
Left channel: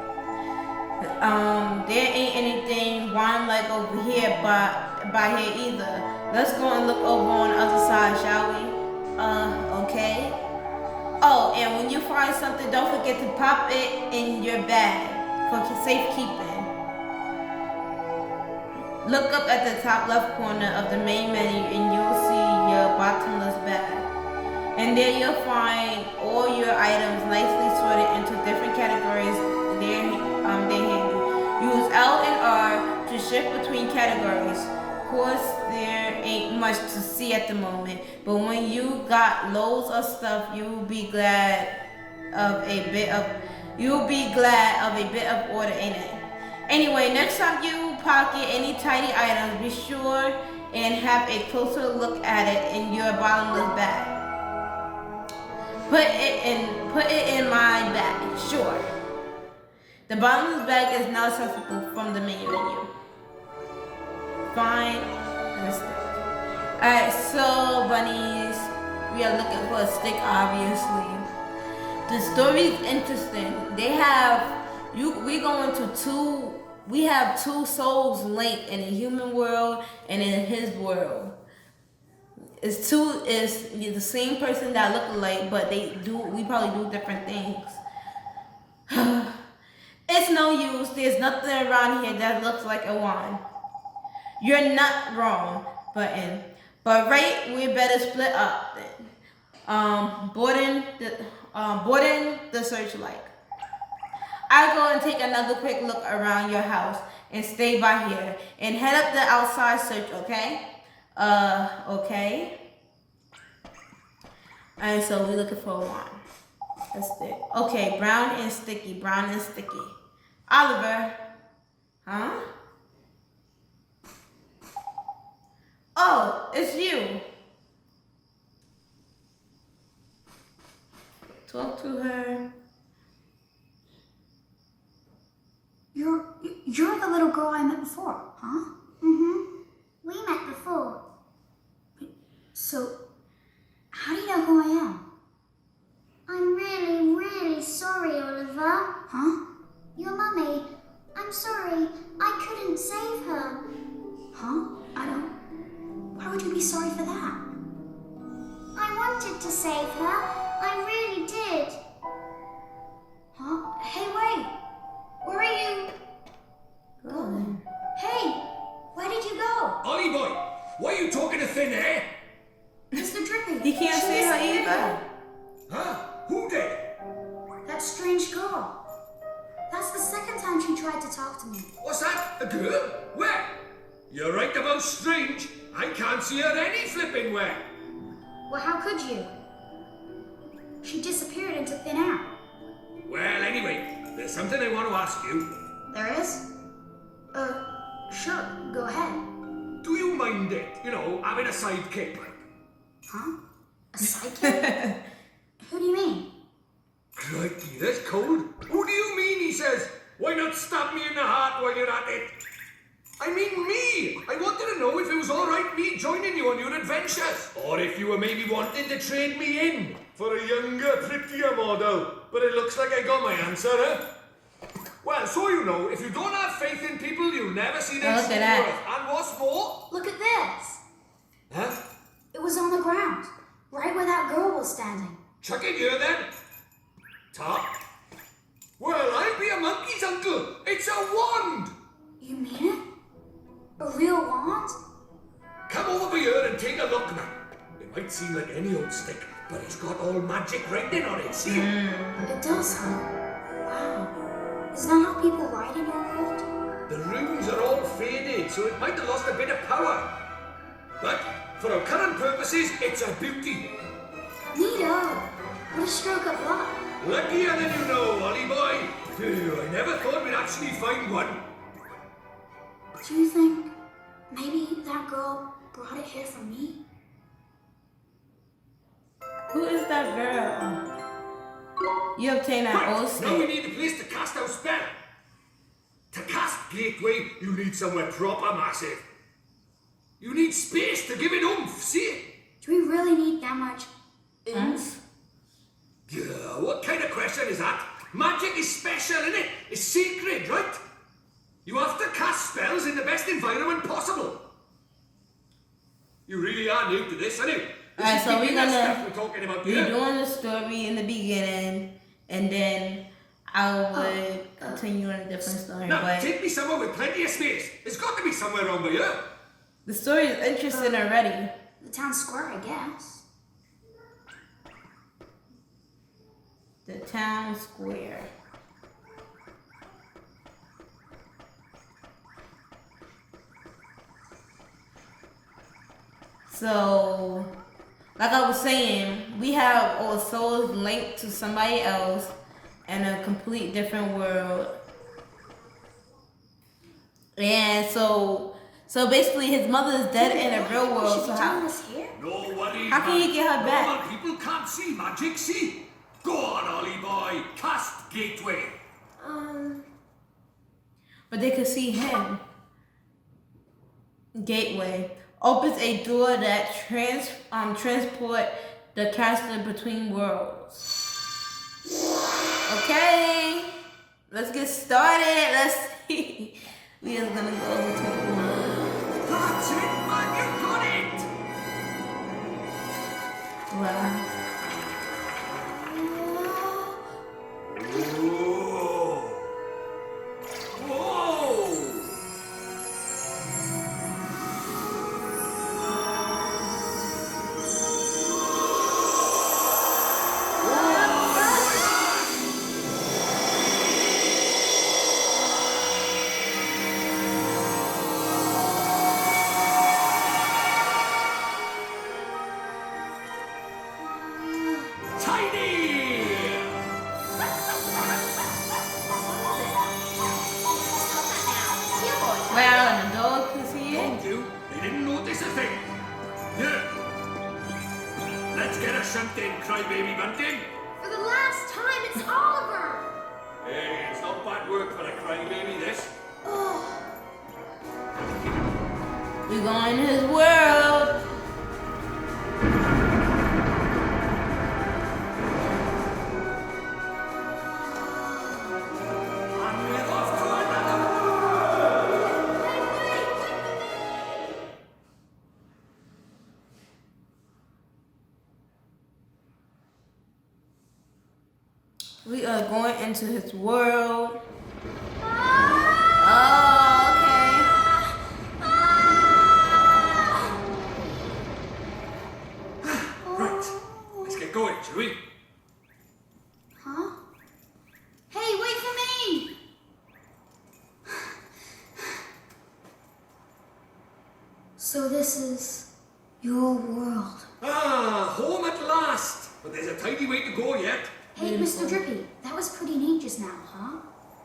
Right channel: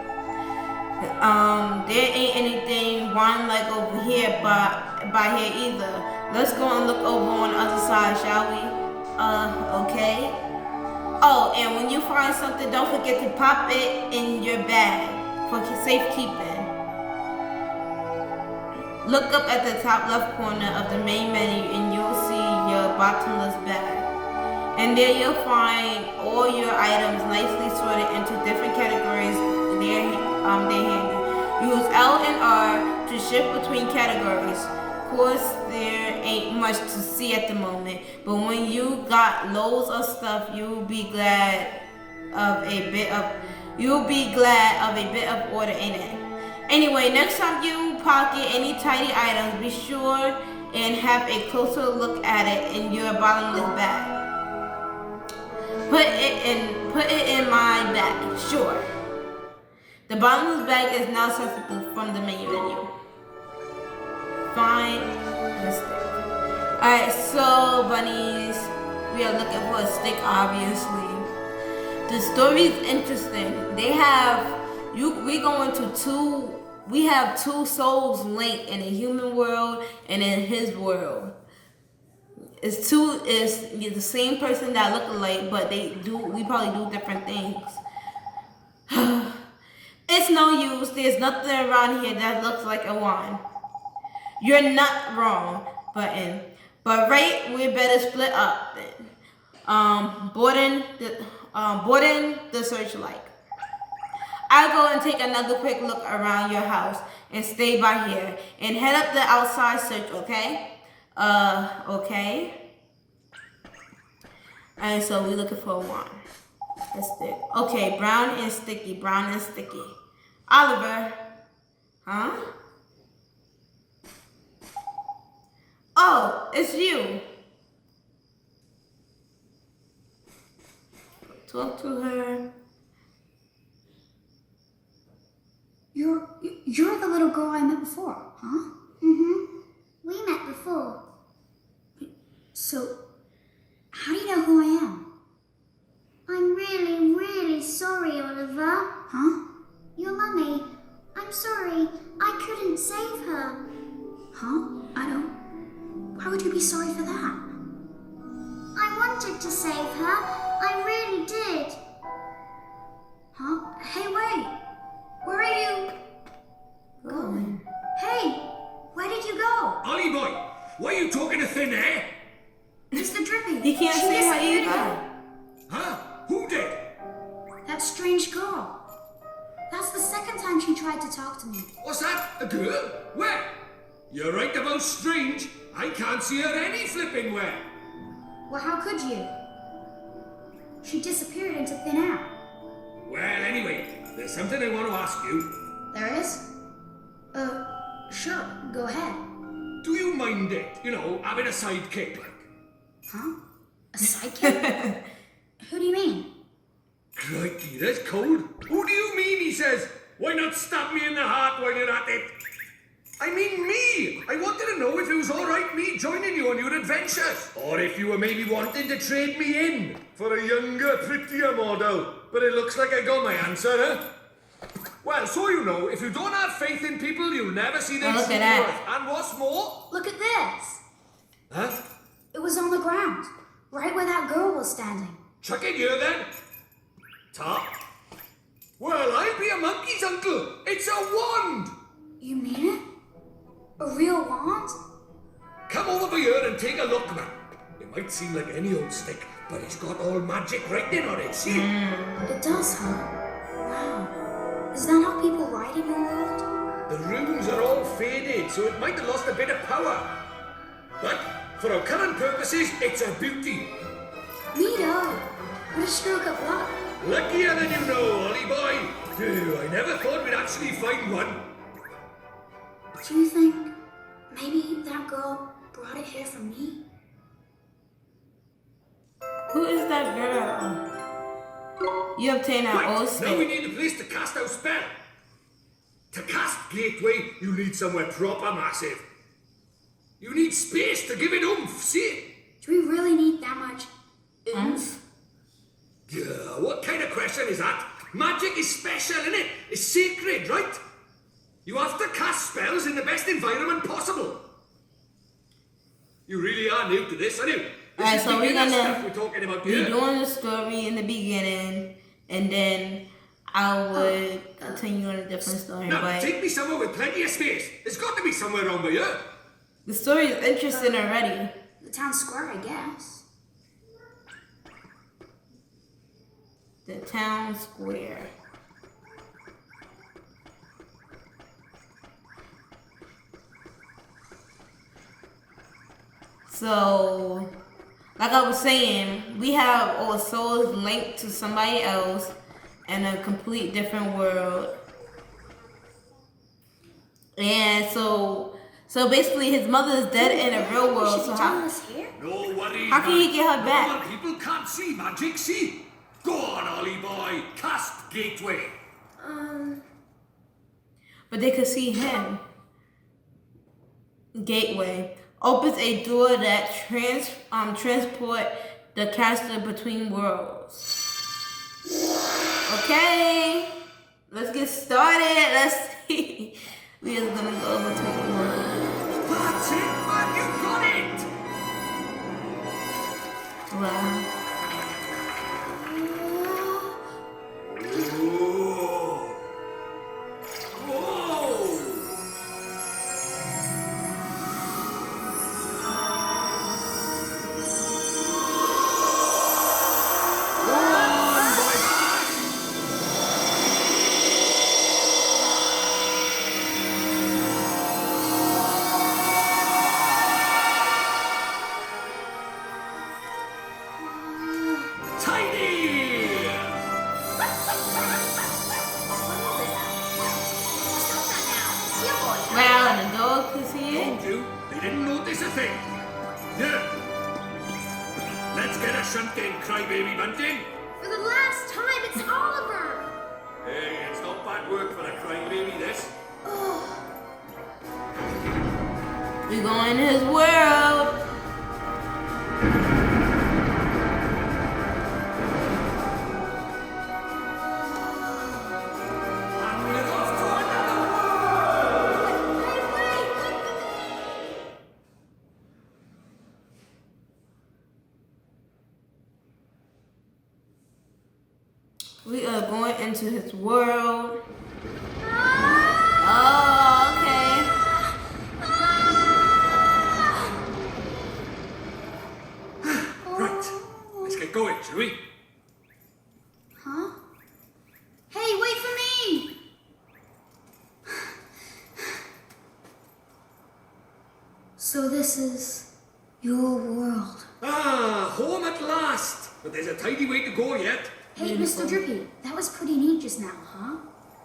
There ain't anything wine like over here by here either. Let's go and look over on the other side, shall we? Okay. Oh, and when you find something, don't forget to pop it in your bag for safekeeping. Look up at the top left corner of the main menu and you'll see your bottomless bag. And there you'll find all your items nicely sorted into different categories. They're handy. Use L and R to shift between categories. Of course, there ain't much to see at the moment, but when you got loads of stuff, you'll be glad of a bit of order in it. Anyway, next time you pocket any tiny items, be sure and have a closer look at it in your bottomless bag. Put it in my bag, sure. The bottomless bag is now accessible from the main menu. Find the stick. Alright, so bunnies, we are looking for a stick, obviously. The story's interesting. They have we have two souls linked in a human world and in his world. It's the same person that look alike, but we probably do different things. It's no use. There's nothing around here that looks like a wand. You're not wrong, Button. But right, we better split up then. Boarding the searchlight. I'll go and take another quick look around your house and stay by here and head up the outside search, okay? Okay. And so we're looking for a wand. That's it. Okay, brown and sticky. Brown and sticky. Oliver. Huh? Oh, it's you. Talk to her. You're the little girl I met before, huh? Mm-hmm. We met before. So, how do you know who I am? I'm really, really sorry, Oliver. Huh? Your mummy. I'm sorry. I couldn't save her. Huh? I don't. Why would you be sorry for that? I wanted to save her. I really did. Huh? Hey, wait! Where are you going? Hey! Where did you go? Ollie boy, why are you talking to thin air? Mr. Drippy! He can't she see her disappeared either. Huh? Who did? That strange girl. That's the second time she tried to talk to me. What's that? A girl? Where? You're right about strange. I can't see her any flipping where. Well, how could you? She disappeared into thin air. Well, anyway, there's something I want to ask you. There is? Sure, go ahead. Do you mind it, having a sidekick like? Huh? A sidekick? Who do you mean? Crikey, that's cold. Who do you mean, he says? Why not stab me in the heart while you're at it? I mean me! I wanted to know if it was alright me joining you on your adventures. Or if you were maybe wanting to trade me in for a younger, prettier model. But it looks like I got my answer, huh? Well, so you know, if you don't have faith in people, you'll never see their Look true at that. worth. And what's more? Look at this. Huh? It was on the ground, right where that girl was standing. Chuck it here then. Top. Well, I'll be a monkey's uncle. It's a wand. You mean it? A real wand? Come over here and take a look now. It might seem like any old stick, but it's got all magic writing on it, see? It does, huh? Wow. Is that how people write in your world? The runes are all faded, so it might have lost a bit of power. But for our current purposes, it's a beauty. Neato. What a stroke of luck. Luckier than you know, Ollie boy. Phew, I never thought we'd actually find one. Do you think maybe that girl brought it here for me? Who is that girl? You obtain an old Now we state. need a place to cast our spell. To cast Gateway, you need somewhere proper massive. You need space to give it oomph, see? Do we really need that much oomph? Yeah, what kind of question is that? Magic is special, innit? It's sacred, right? You have to cast spells in the best environment possible. You really are new to this, aren't you? Alright, so we're gonna stuff we're talking about be here. doing the story in the beginning, and then I would continue on a different story. Now, But take me somewhere with plenty of space. There's got to be somewhere around by here. the story is interesting already. The town square, I guess. The town square. So, like I was saying, we have our souls linked to somebody else in a complete different world. And so basically his mother is dead in a real world. Should So we how? do this here? No worries, How can man. you get her back? Normal people can't see magic, see? Go on, Ollie boy. Cast Gateway. But they could see him. Gateway opens a door that transport the caster between worlds. Okay, let's get started. Let's see. We are gonna go between worlds. That's it, man. You got it. Wow. Whoa. Whoa. Tiny! Yeah. Let's get a shunt in, crybaby bunting. For the last time, it's Oliver! Hey, it's not bad work for a crybaby, this. We go in his world. And we're off to another We are going into his world. Oh, okay. Right, let's get going, shall we? Huh? Hey, wait for me! So this is your world. Ah, home at last. But there's a tidy way to go yet. Hey, Mr. Drippy, that was pretty neat just now, huh?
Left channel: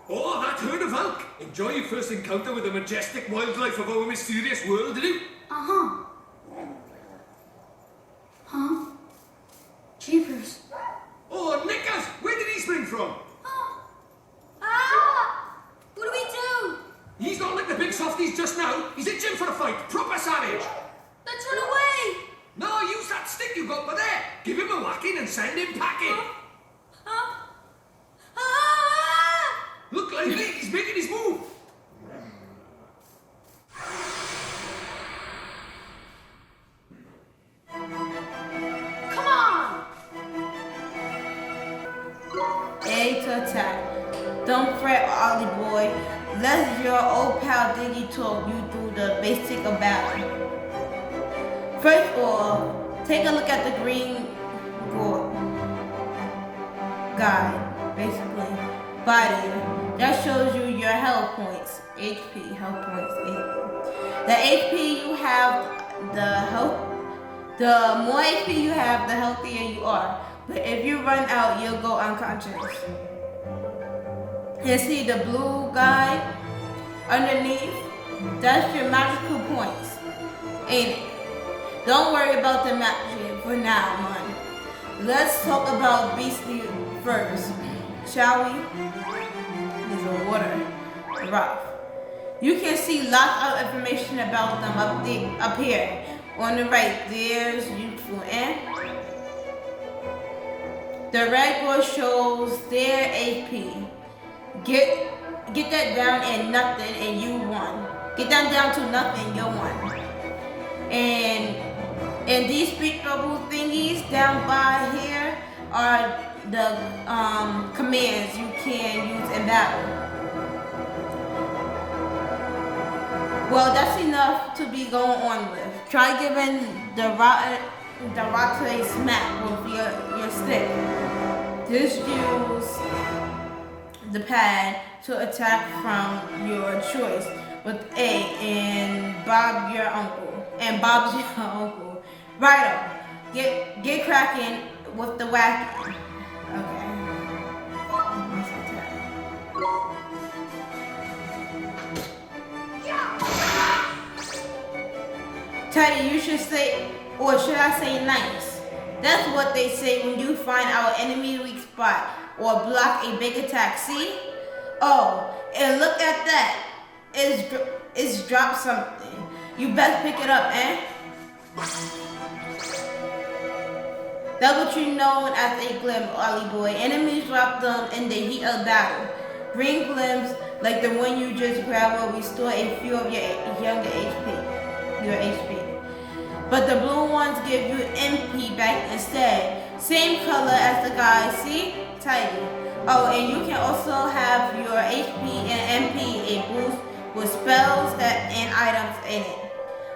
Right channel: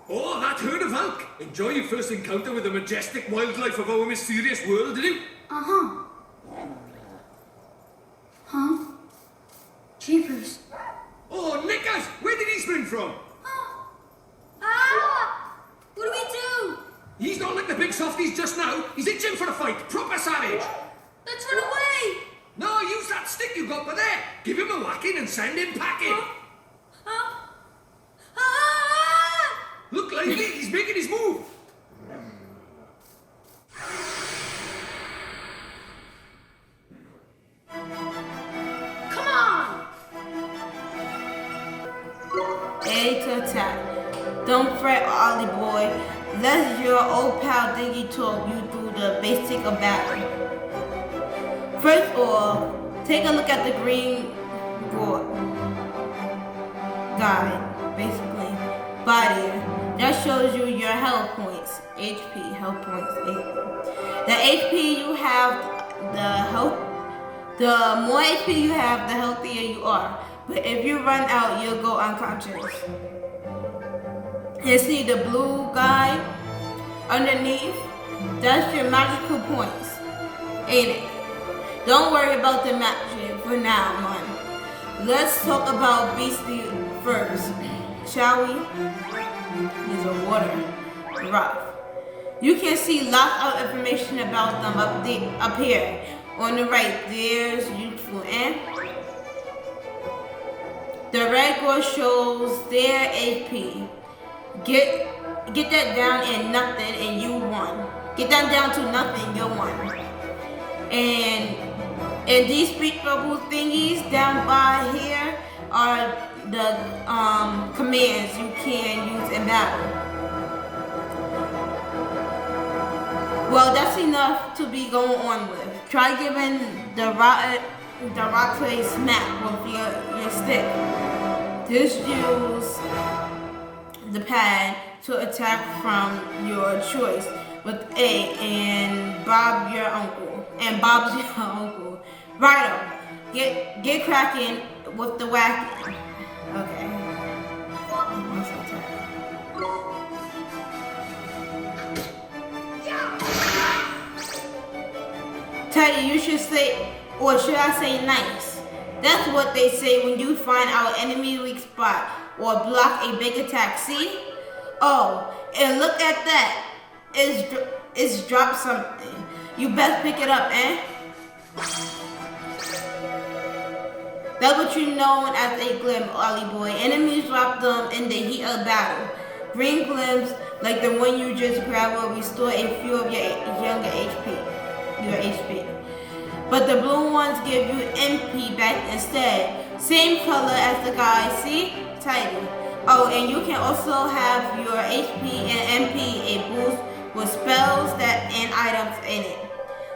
Oh, that herd of elk. Enjoy your first encounter with the majestic wildlife of our mysterious world, did you? Uh-huh. Huh? Jeepers. Oh, Nickers, where did he spring from? Oh. Ah! What do we do? He's not like the big softies just now. He's itching for a fight. Proper savage. Let's run away! No, use that stick you got for there. Give him a whacking and send him packing. Huh? Ah! Look lively, he's making his move. Come on! A to attack. Don't fret, Ollie boy. Let your old pal Diggy talk you through the basic of battle. First of all, take a look at the green guide, basically. Body. That shows you your health points. HP, health points, HP. The HP you have, the more HP you have, the healthier you are. But if you run out, you'll go unconscious. And see the blue guy underneath? That's your magical points, ain't it? Don't worry about the magic for now, man. Let's talk about Beastie first, shall we? These are water, rough. You can see lots of information about them up here. On the right, there's useful and the red bar shows their HP. Get that down and nothing and you won. Get that down to nothing, you won. And these speed bubble thingies down by here are the commands you can use in battle. Well, that's enough to be going on with. Try giving the rock a smack with your stick. Just use the pad to attack from your choice with A and Bob's your uncle. Righto. Get cracking with the whacking. Okay. Let's attack. Teddy, you should say, or should I say nice? That's what they say when you find our enemy weak spot or block a big attack, see? Oh, and look at that. It's dropped something. You best pick it up, eh? That's what you know as a glim, Ollie boy. Enemies drop them in the heat of battle. Green glims, like the one you just grabbed, will restore a few of your younger HP. But the blue ones give you MP back instead. Same color as the guy, see? Tidy. Oh, and you can also have your HP and MP a boost with spells and items in it.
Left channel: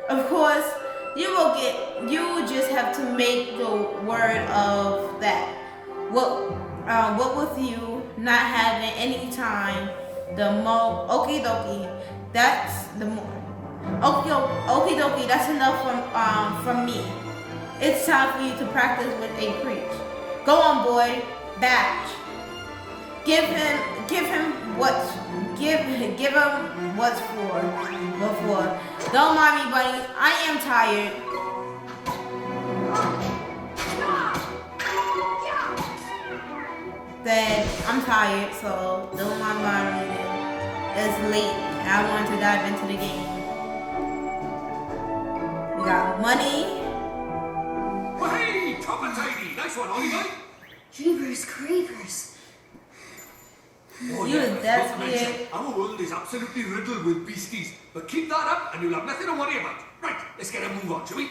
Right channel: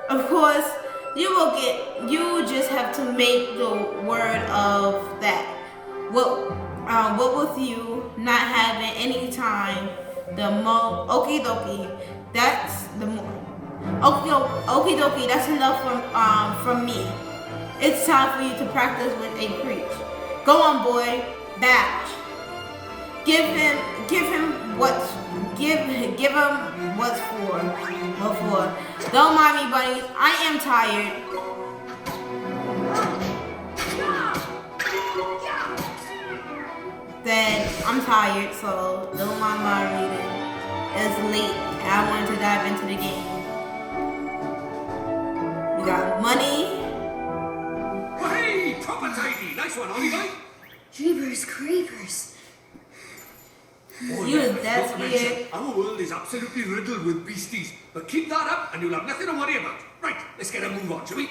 Of course, you just have to make the word of that. What with you not having any time, the more okie dokie, that's the more. Okie dokie, that's enough from me. It's time for you to practice with a preach. Go on, boy. Batch. Give him what's for. Don't mind me, buddy. I am tired. said, I'm tired, so don't mind my reading. It's late, and I wanted to dive into the game. We got money. Well, hey, proper tidy. Nice one, Ollie. Jeepers creepers. Oh, You yeah, was that not to mention, scared. our world is absolutely riddled with beasties. But keep that up and you'll have nothing to worry about. Right, let's get a move on, shall we?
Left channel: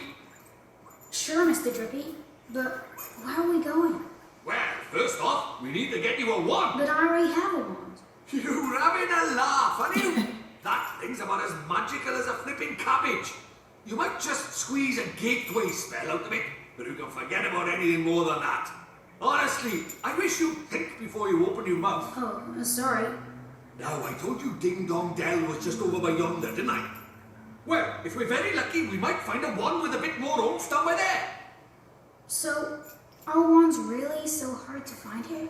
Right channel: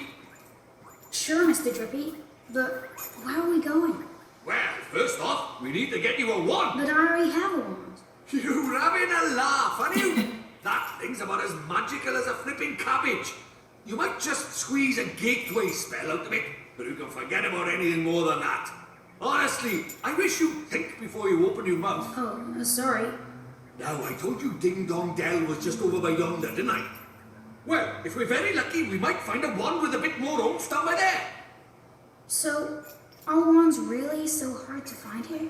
Sure, Mr. Drippy. But where are we going? Well, first off, we need to get you a wand. But I already have a wand. You're having a laugh, aren't you? That thing's about as magical as a flipping cabbage. You might just squeeze a gateway spell out of it, but you can forget about anything more than that. Honestly, I wish you'd think before you open your mouth. Oh, sorry. Now, I told you Ding Dong Dell was just over by yonder, didn't I? Well, if we're very lucky, we might find a wand with a bit more oomph down by there. So, are wands really so hard to find here?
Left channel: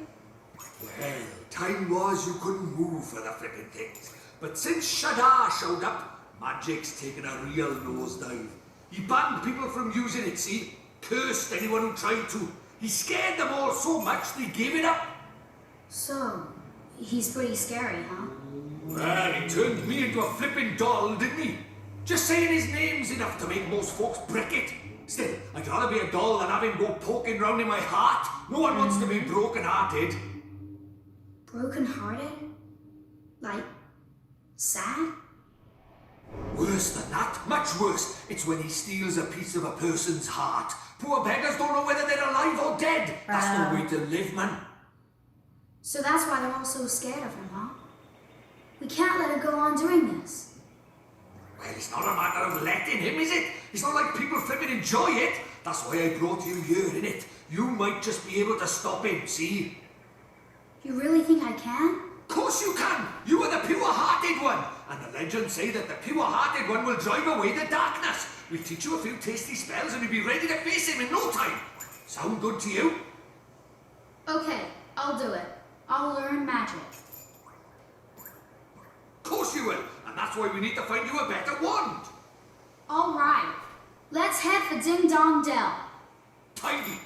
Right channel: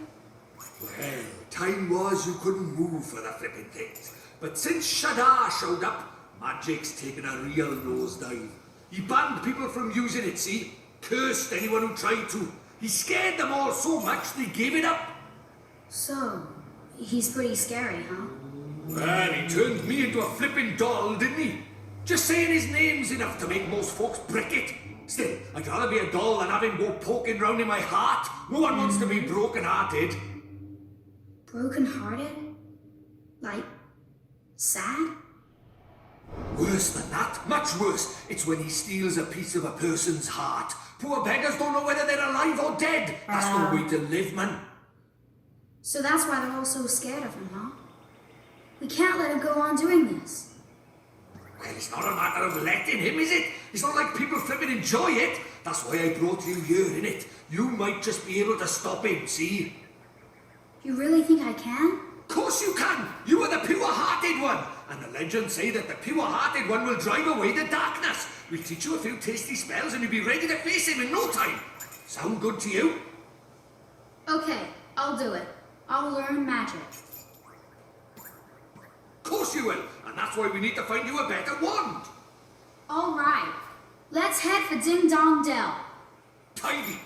Well, time was you couldn't move for the flipping things. But since Shadar showed up, magic's taken a real nosedive. He banned people from using it, see? Cursed anyone who tried to. He scared them all so much they gave it up. So, he's pretty scary, huh? Well, he turned me into a flipping doll, didn't he? Just saying his name's enough to make most folks brick it. Still, I'd rather be a doll than have him go poking round in my heart. No one wants to be broken-hearted. Broken-hearted? Like, sad? Worse than that, much worse. It's when he steals a piece of a person's heart. Poor beggars don't know whether they're alive or dead. That's no way to live, man. So that's why they're all so scared of him, huh? We can't let him go on doing this. Well, it's not a matter of letting him, is it? It's not like people flipping enjoy it. That's why I brought you here, innit? You might just be able to stop him, see? You really think I can? Of course you can! You are the pure-hearted one! And the legends say that the pure-hearted one will drive away the darkness. We'll teach you a few tasty spells and you'll be ready to face him in no time. Sound good to you? Okay, I'll do it. I'll learn magic. Of course you will, and that's why we need to find you a better wand. All right, let's head for Ding Dong Dell. Tidy.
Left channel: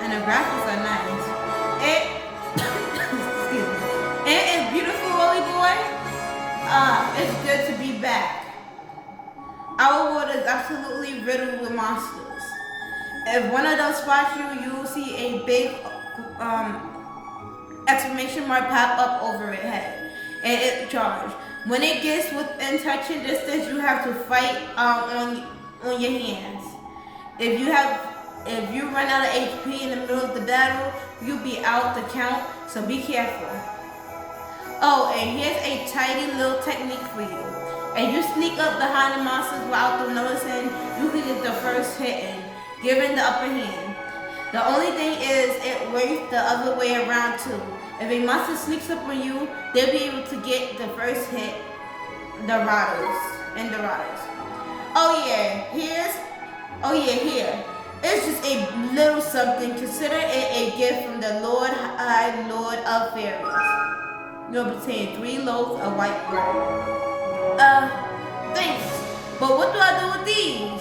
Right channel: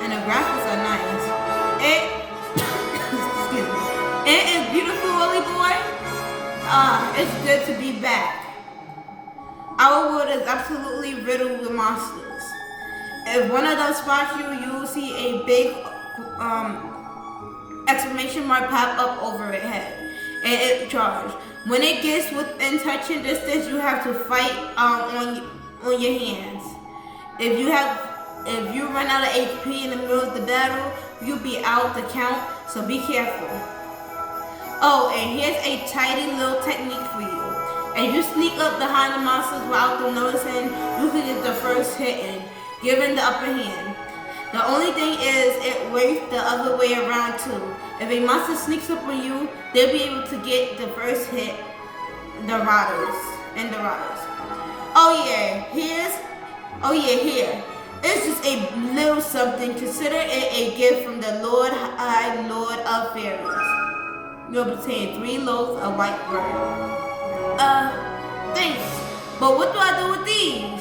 And the graphics are nice. Excuse me. It is beautiful, Willy boy. It's good to be back. Our world is absolutely riddled with monsters. If one of those spots you'll see a big exclamation mark pop up over its head, and it charged. When it gets within touching distance, you have to fight on your hands. If you run out of HP in the middle of the battle, you'll be out the count, so be careful. Oh, and here's a tidy little technique for you. If you sneak up behind the monsters without them noticing, you can get the first hit in, giving the upper hand. The only thing is, it works the other way around too. If a monster sneaks up on you, they'll be able to get the first hit, the rotters. Here. It's just a little something. Consider it a gift from the Lord of Fairies. You'll obtain 3 loaves of white bread. Thanks. But what do I do with these?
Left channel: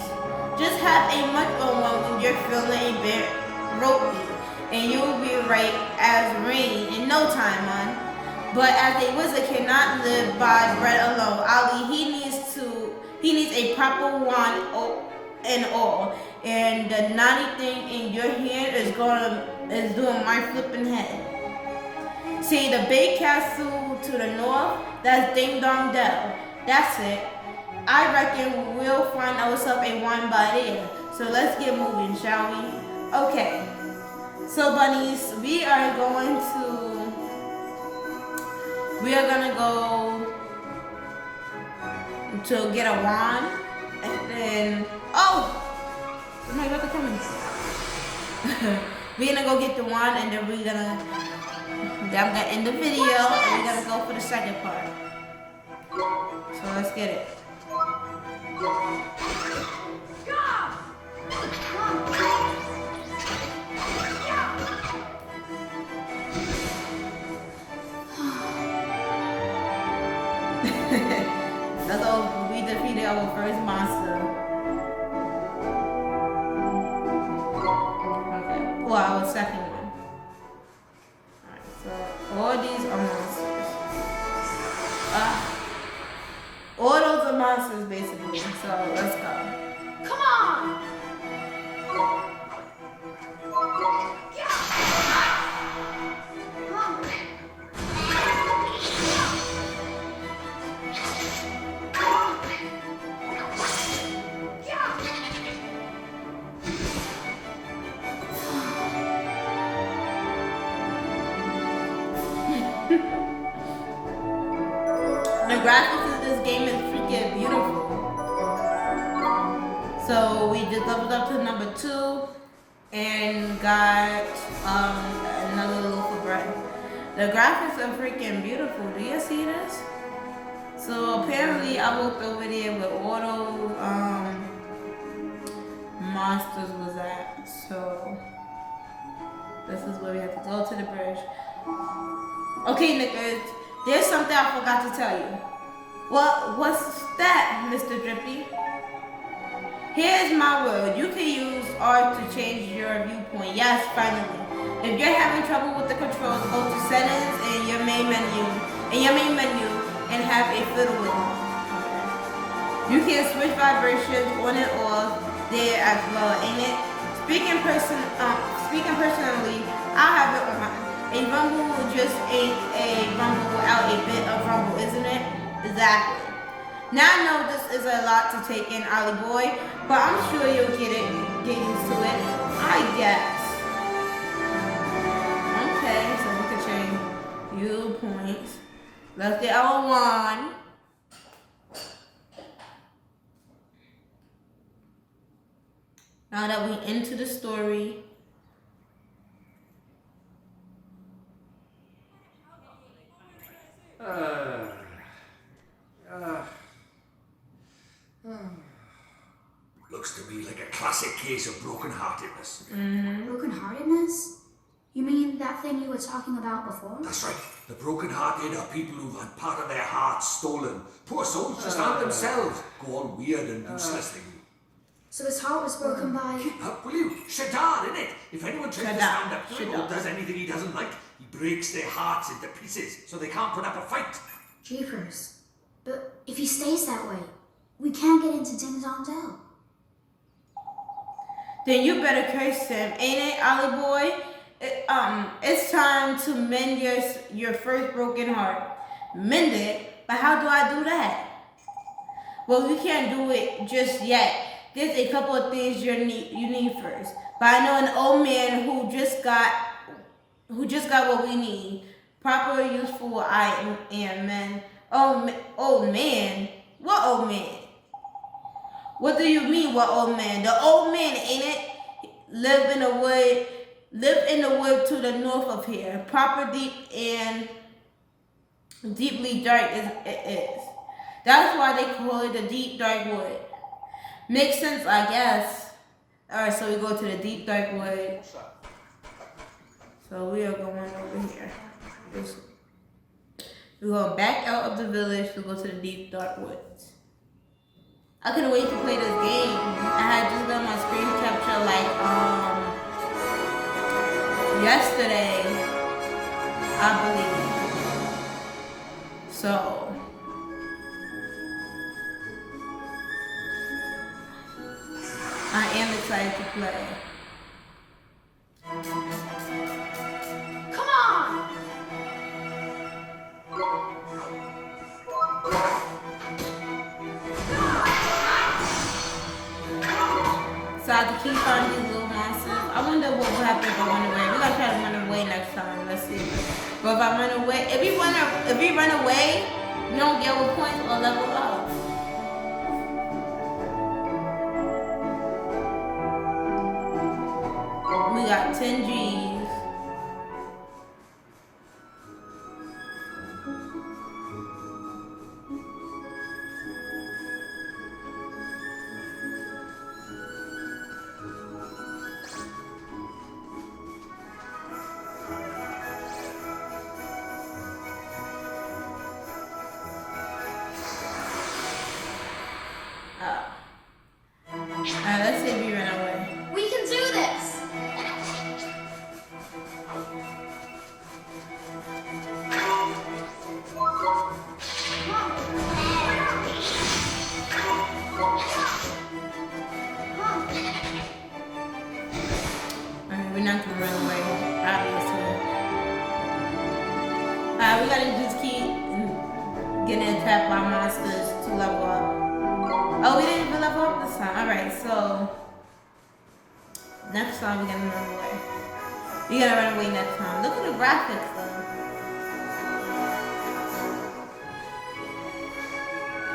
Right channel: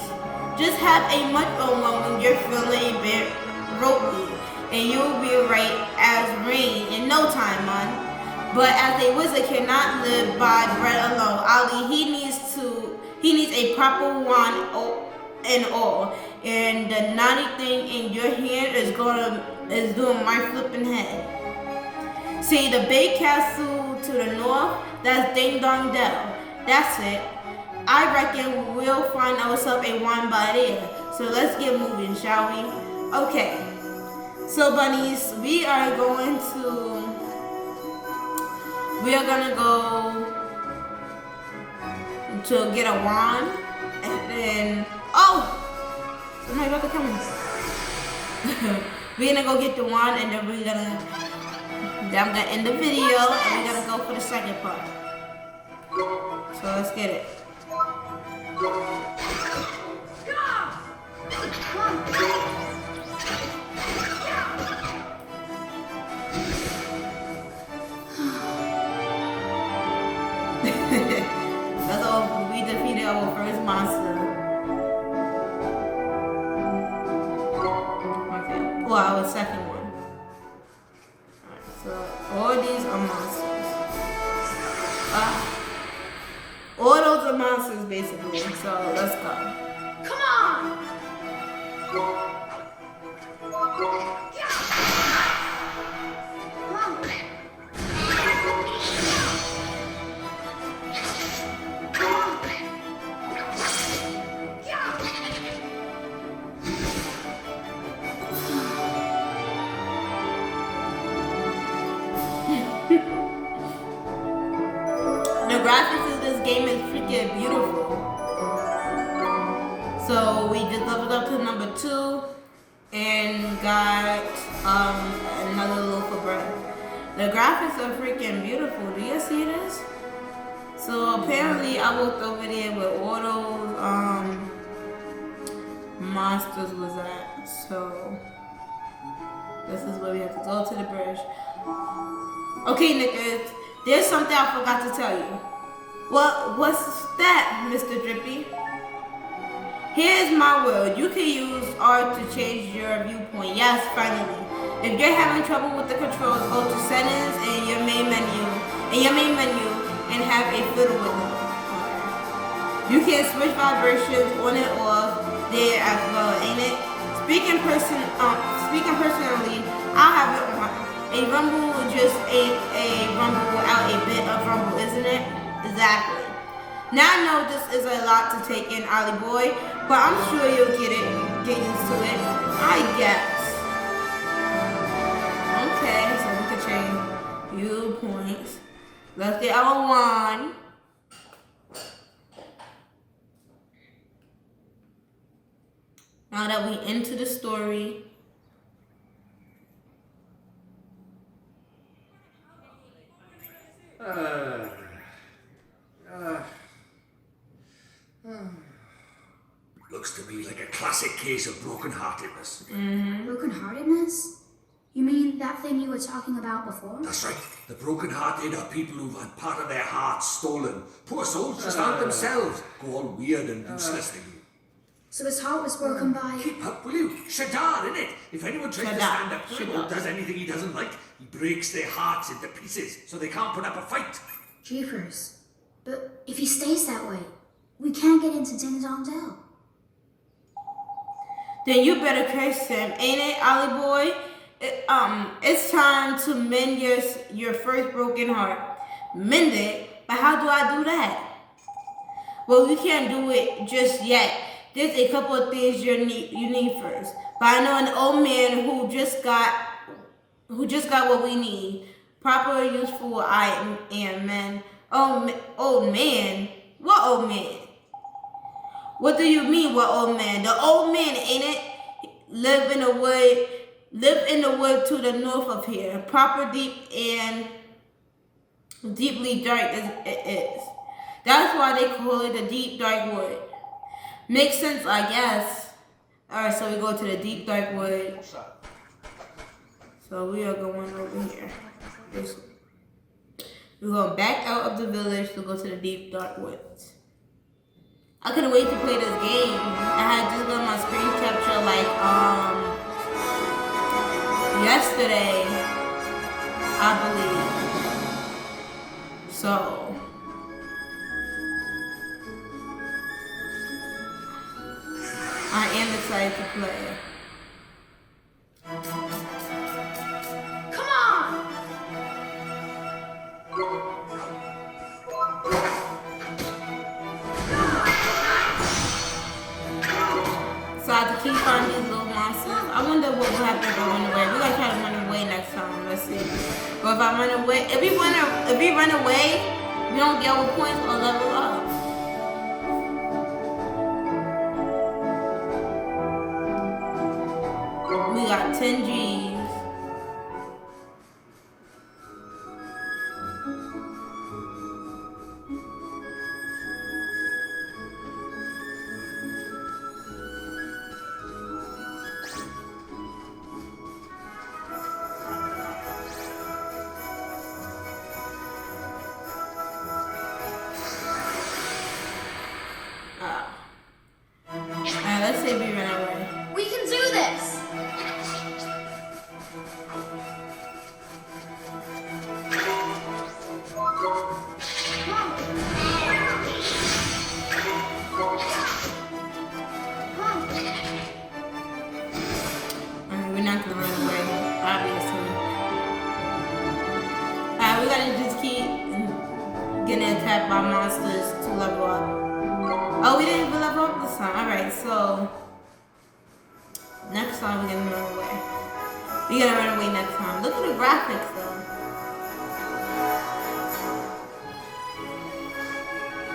Just have a munch on one when you're feeling a bit ropey, and you'll be right as rain in no time, man. But as a wizard cannot live by bread alone, Ali, he needs a proper wand and all. And the naughty thing in your hand is doing my flipping head. See the big castle to the north? That's Ding Dong Dell. That's it. I reckon we'll find ourselves a wand by there. So let's get moving, shall we? Okay. So bunnies, we are gonna go to get a wand, and then my brother coming. We're gonna go get the wand, and then I'm gonna end the video, and we're gonna go for the second part. So let's get it. That's all. our first monster. Okay, well, our second one. Alright, so all these are monsters. All those are monsters basically, so let's go. Come on! The graphics of this game is freaking beautiful. So we just leveled up to number 2 and got another loaf of bread. The graphics are freaking beautiful. Do you see this? So apparently I walked over there where all those monsters was at. So this is where we have to go to the bridge. Okay, niggas, there's something I forgot to tell you. What's that, Mr. Drippy? Here's my word. You can use R to change your viewpoint. Yes, finally. If you're having trouble with the controls, go to settings and your main menu. And have a fiddle with them. Okay. You can switch vibrations on and off there as well, ain't it? Speaking personally, I'll have it on. A rumble just ain't a rumble without a bit of rumble, isn't it? Exactly. Now I know this is a lot to take in, Ollie boy, but I'm sure you'll get used to it, I guess. Okay, so we can change viewpoints. Let's get our wand. Now that we into the story. Looks to me like a classic case of broken-heartedness. Broken-heartedness? You mean that thing you were talking about before? That's right. The broken-hearted are people who've had part of their hearts stolen. Poor souls just aren't themselves. Go all weird and useless thing. So his heart was broken by... Keep up, will you? Shadar, innit? If anyone tries to stand up to him or does anything he doesn't like, he breaks their hearts into pieces so they can't put up a fight. Jeepers. But if he stays that way, we can't get into Ding Dong Dell. Then you better curse him, ain't it, Ollie boy? It's time to mend your first broken heart. Mend it? But how do I do that? Well, you can't do it just yet. There's a couple of things you need first. But I know an old man who just got what we need. Proper useful item and men. Old man? What old man? What do you mean, what old man? The old man, ain't it? Live in the wood to the north of here. Proper deep and deeply dark it is. That's why they call it the deep dark wood. Makes sense, I guess. Alright, so we go to the deep dark wood. So we are going over here. We're going back out of the village to go to the deep dark woods. I couldn't wait to play this game. I had just done my screen capture like yesterday, I believe. So I am excited to play. Come on! So I have to keep finding these little monsters. I wonder what will happen if I run away. We're gonna try to run away next time. Let's see. But if I run away, if we run away, we don't get our points or level up. We got 10 G's. Alright, we gotta just keep getting attacked by monsters to level up. Oh, we didn't even level up this time. Alright, so next time we're gonna run away. We're gonna run away next time. Look at the graphics though.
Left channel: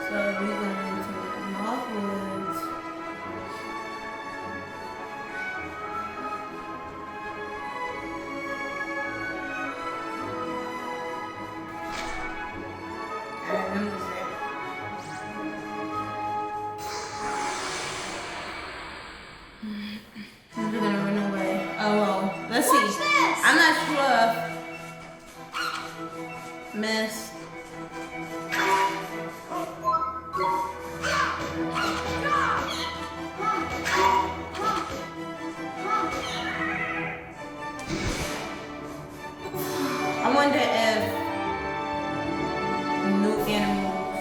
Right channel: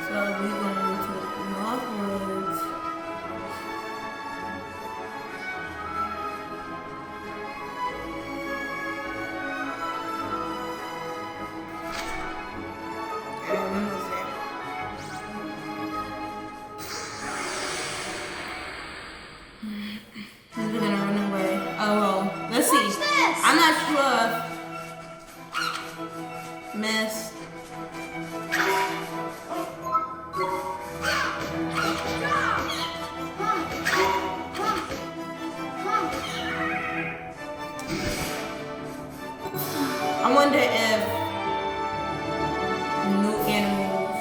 So we're going to northwards. And then was there. We're gonna run away. Oh well, let's see. Watch this. I'm not sure. Miss. I wonder if new animals.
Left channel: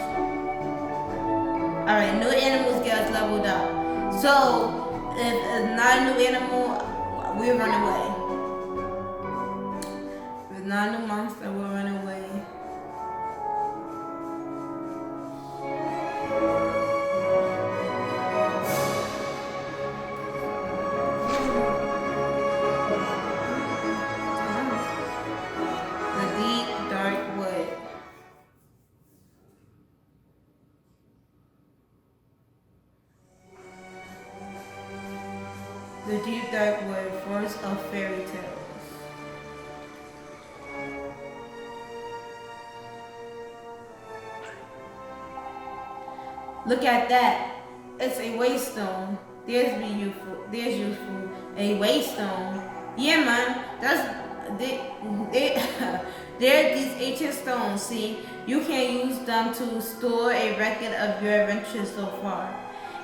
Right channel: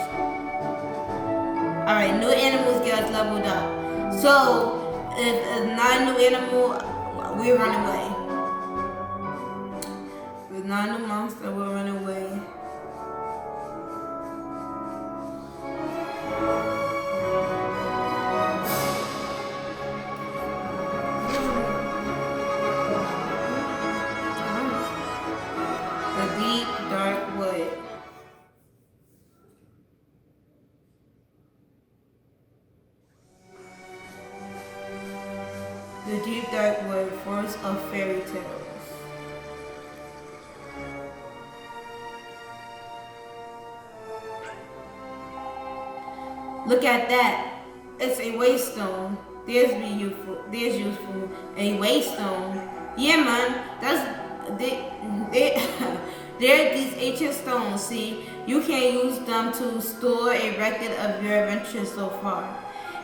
Alright, new animals get us leveled up. So, if it's not a new animal, we run away. If it's not a new monster, we run away. The deep, dark wood. The deep, dark wood, forest of fairy tales. Look at that. It's a waystone. There's useful. A waystone. Yeah, man. They're these ancient stones. See, you can use them to store a record of your adventures so far.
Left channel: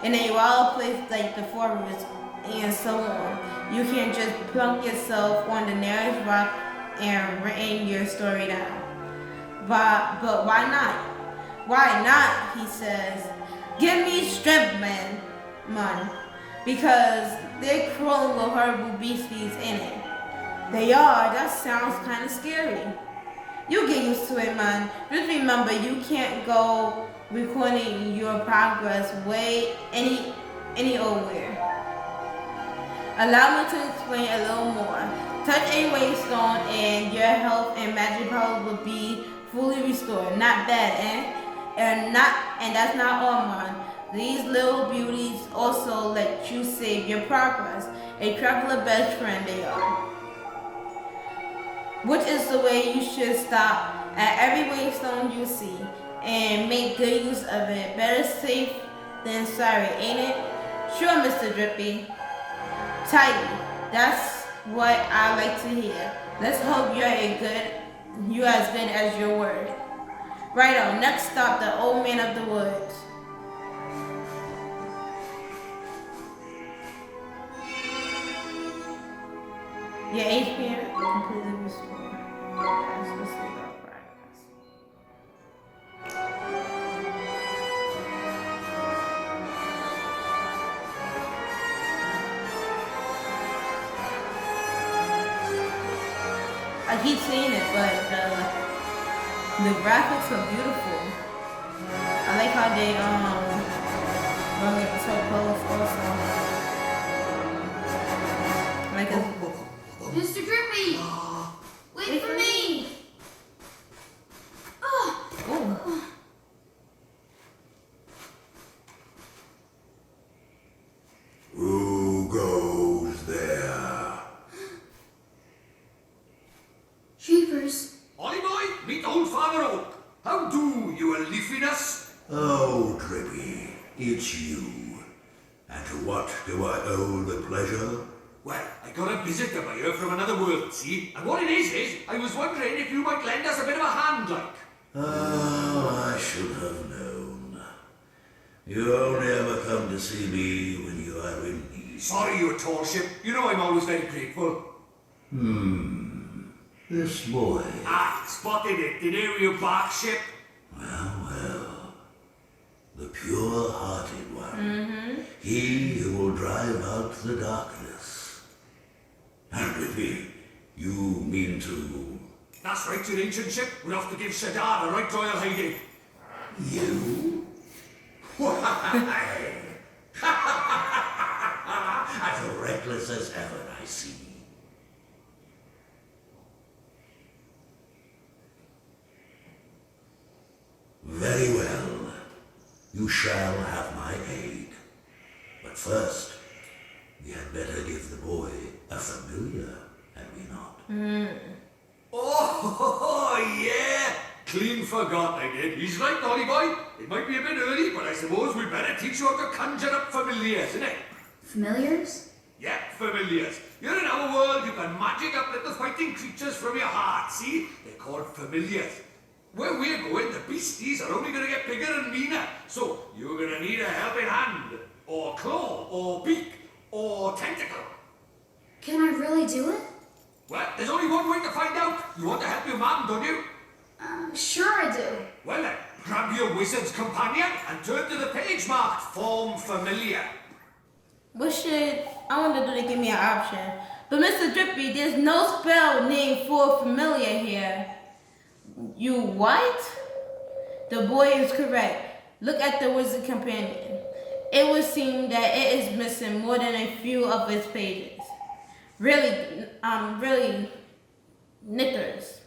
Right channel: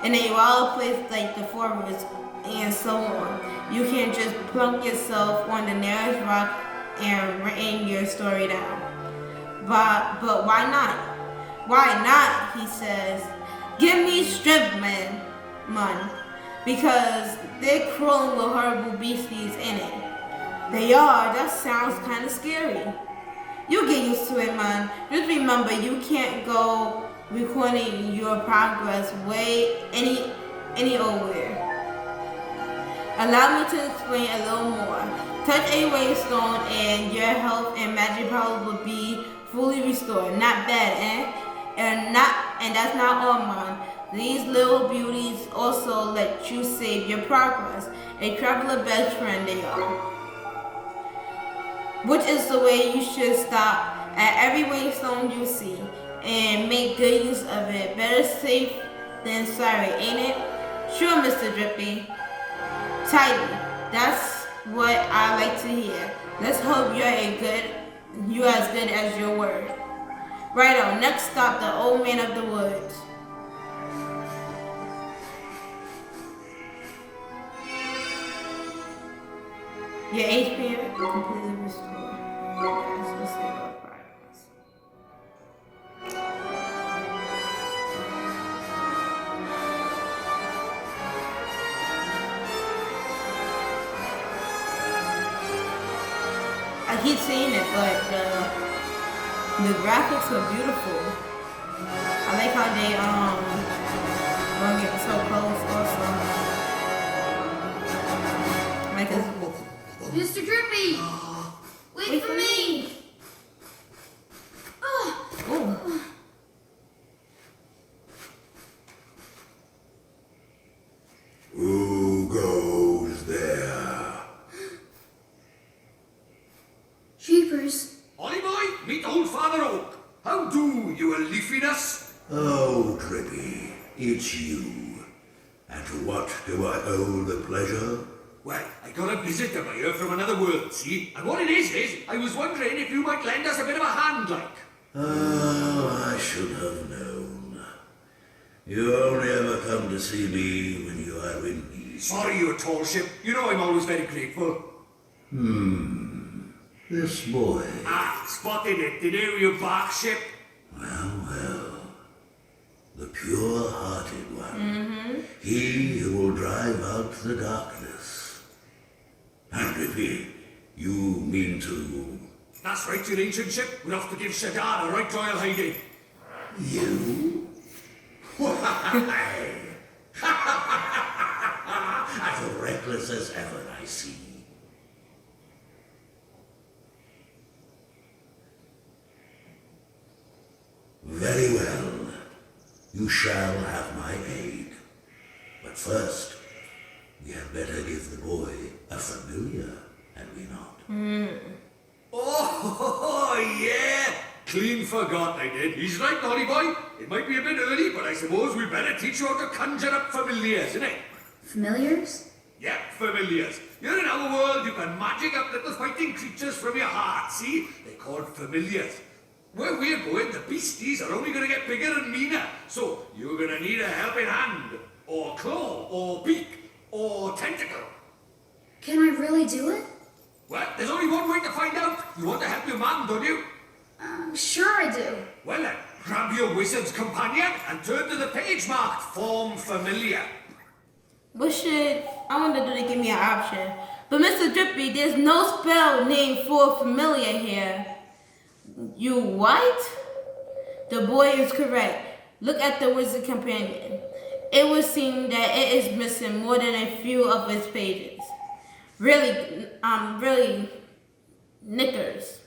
In a wild place like the forest and so on, you can just plunk yourself on the nearest rock and write your story down. But why not? Why not? He says. Give me strength, man. Because they're crawling with horrible beasties in it. They are. That sounds kind of scary. You get used to it, man. Just remember, you can't go recording your progress way any old where. Allow me to explain a little more. Touch a waystone and your health and magic powers will be fully restored. Not bad, eh? And that's not all, man. These little beauties also let you save your progress. A traveler best friend they are. Which is the way you should stop at every waystone you see and make good use of it. Better safe than sorry, ain't it? Sure, Mr. Drippy. Tidy. That's what I like to hear. Let's hope you're as good as your word. Right on. Next stop, the old man of the woods. Your HP completely restored. Yes, let's see about progress. I keep saying it, but the graphics are beautiful. I like how they bring it so close also. Like it's Mr. Drippy! Wait for me! oh. Who goes there? Jeepers. Ollie boy, meet old Father Oak. How do, you leafiness? Oh, Drippy, it's you. And to what do I owe the pleasure? Well, I got a visitor by here from another world, see? And what it is, I was wondering if you might lend us a bit of a hand, like. Oh, I should have known. You only ever come to see me when you are in need. Sorry, you tall ship. You know I'm always very grateful. This boy. Ah, spotted it. Did you bark ship? Well. The pure-hearted one. He who will drive out the darkness. And Drippy, you mean to... That's right, your ancient ship. We're off to give Shadar a right royal hiding. You? Why? As reckless as ever, I see. Very well. You shall have my aid. But first, we had better give the boy a familiar, had we not? Oh, yeah! Clean forgot I did. He's right, Dolly boy. It might be a bit early, but I suppose we better teach you how to conjure up familiars, innit? Familiars? Yeah, familiars. You're in our world, you can magic up little fighting creatures from your heart, see? They're called familiars. Where we're going, the beasties are only gonna get bigger and meaner. So, you're gonna need a helping hand, or claw, or beak, or tentacle. Can I really do it? Well, there's only one way to find out. You want to help your mum, don't you? Sure I do. Well then, grab your wizard's companion and turn to the page marked Form Familiar. I wonder do they give me an option. But Mr. Drippy, there's no spell named for familiar here. You what? The boy is correct. Look at the wizard companion. It would seem that it is missing more than a few of its pages. Really knickers.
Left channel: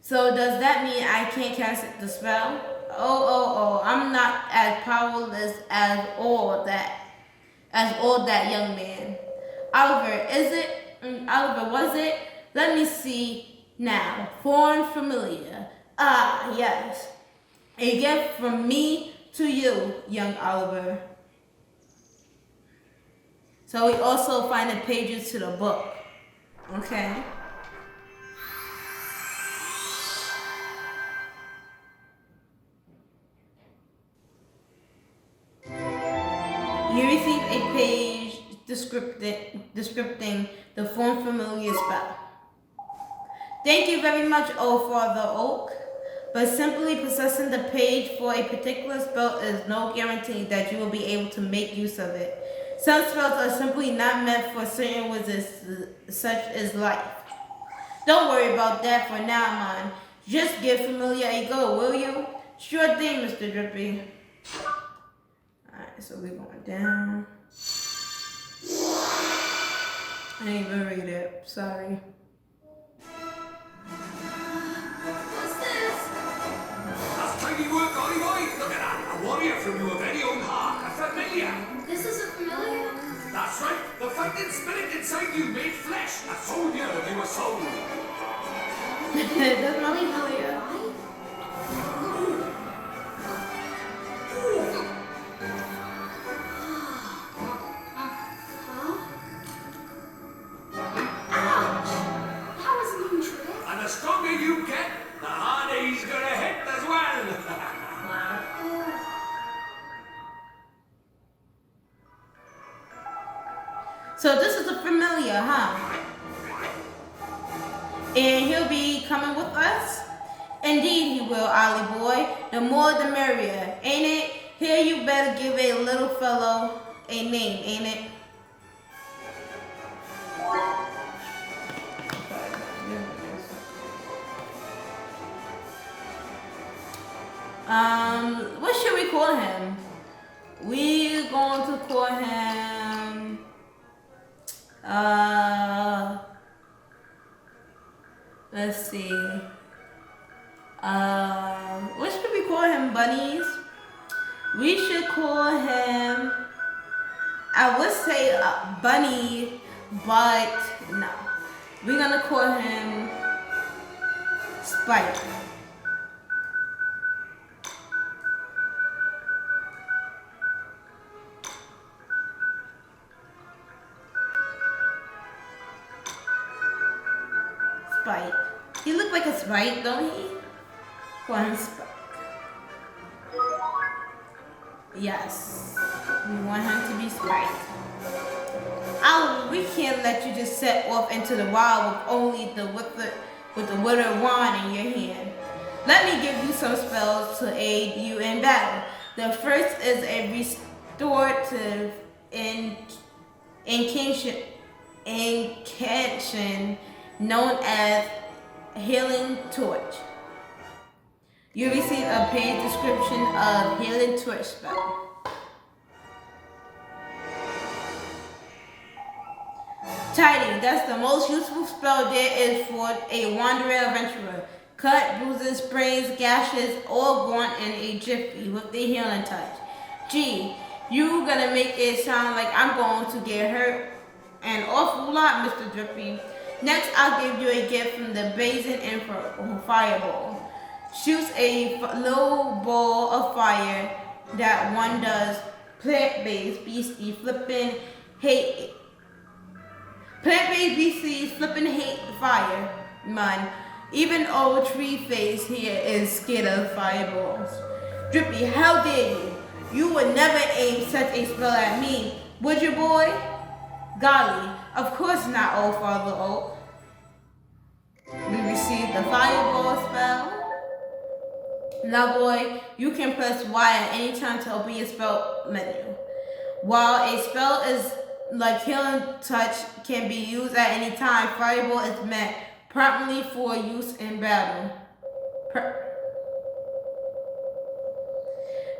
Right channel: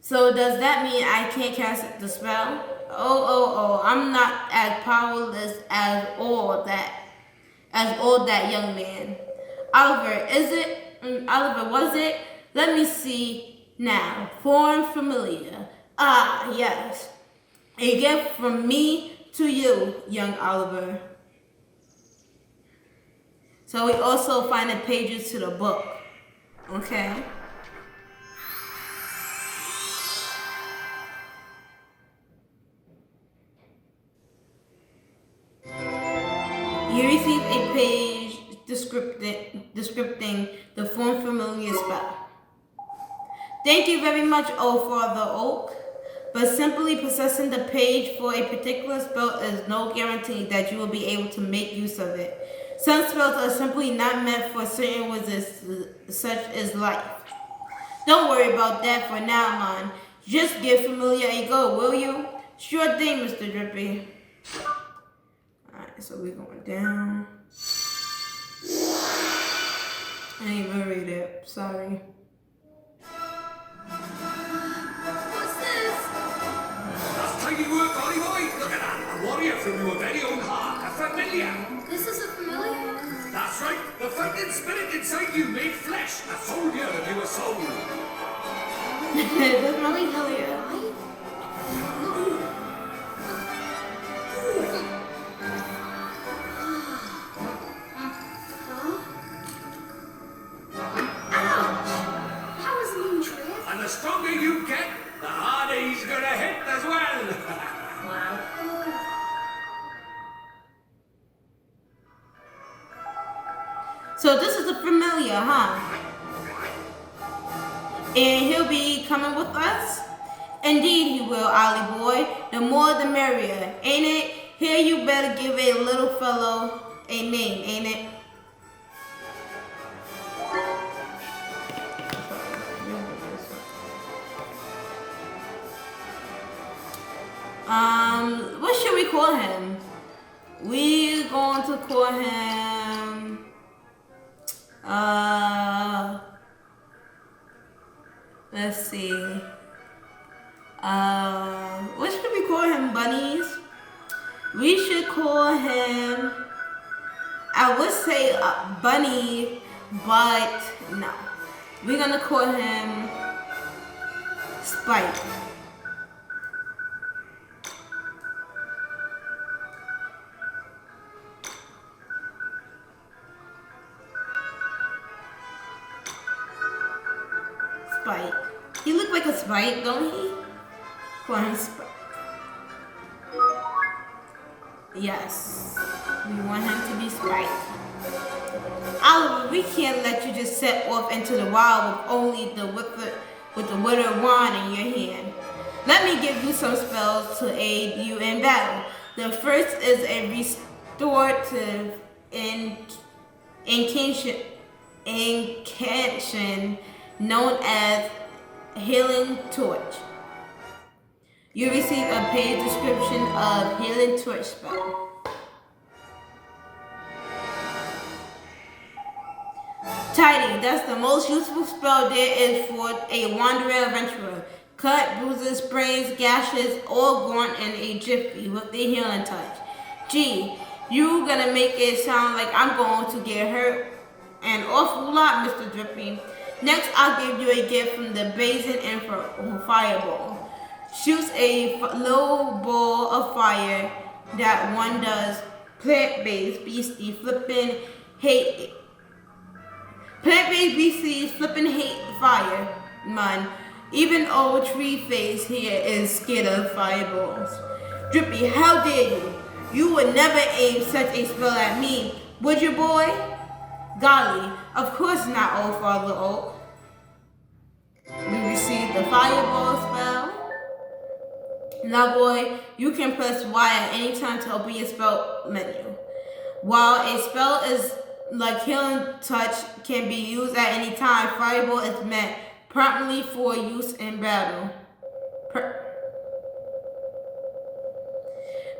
So does that mean I can't cast the spell? Oh, I'm not as powerless as all that young man. Oliver, Oliver, was it? Let me see now. Form familiar. Ah, yes. A gift from me to you, young Oliver. So we also find the pages to the book. Okay. You receive a page descripting the form familiar spell. Thank you very much, O Father Oak, but simply possessing the page for a particular spell is no guarantee that you will be able to make use of it. Some spells are simply not meant for certain wizards, such as life. Don't worry about that for now, man. Just give familiar a go, will you? Sure thing, Mr. Drippy. Alright, so we're going down. I didn't even read it. Sorry. What's this? That's tidy work, Ollie boy. Look at that. A warrior from your very own heart. A familiar. This is a familiar? That's right. The fighting spirit inside you made flesh. A soldier of your soul. That's not familiar. And the stronger you get, the harder he's gonna hit as well. So this is a familiar, huh? And he'll be coming with us? Indeed he will, Ollie boy. The more the merrier, ain't it? Here you better give a little fellow a name, ain't it? What should we call him? We're going to call him, let's see. What should we call him, bunnies? We should call him, I would say Bunny, but no. We're gonna call him Spike. Spike. He look like a Spike, don't he? Call him Spike. Yes. We want him to be Spike. Oliver, we can't let you just set off into the wild with only the withered wand in your hand. Let me give you some spells to aid you in battle. The first is a restorative incantation known as Healing Torch. You receive a page description of Healing Torch spell. Tidy, that's the most useful spell there is for a wandering adventurer. Cut, bruises, sprays, gashes, all gone in a jiffy with the healing touch. Gee, you gonna make it sound like I'm going to get hurt an awful lot, Mr. Drippy. Next, I'll give you a gift from the Blazing Fireball. Shoots a little ball of fire that one does plant-based beastie flipping hate. Plant-based beasties flipping hate fire, man. Even old tree face here is scared of fireballs. Drippy, how dare you? You would never aim such a spell at me, would you, boy? Golly, of course not, old Father Oak. We received the fireball spell. Now, boy, you can press Y at any time to open your spell menu. While a spell is like Healing Touch can be used at any time, Fireball is meant promptly for use in battle.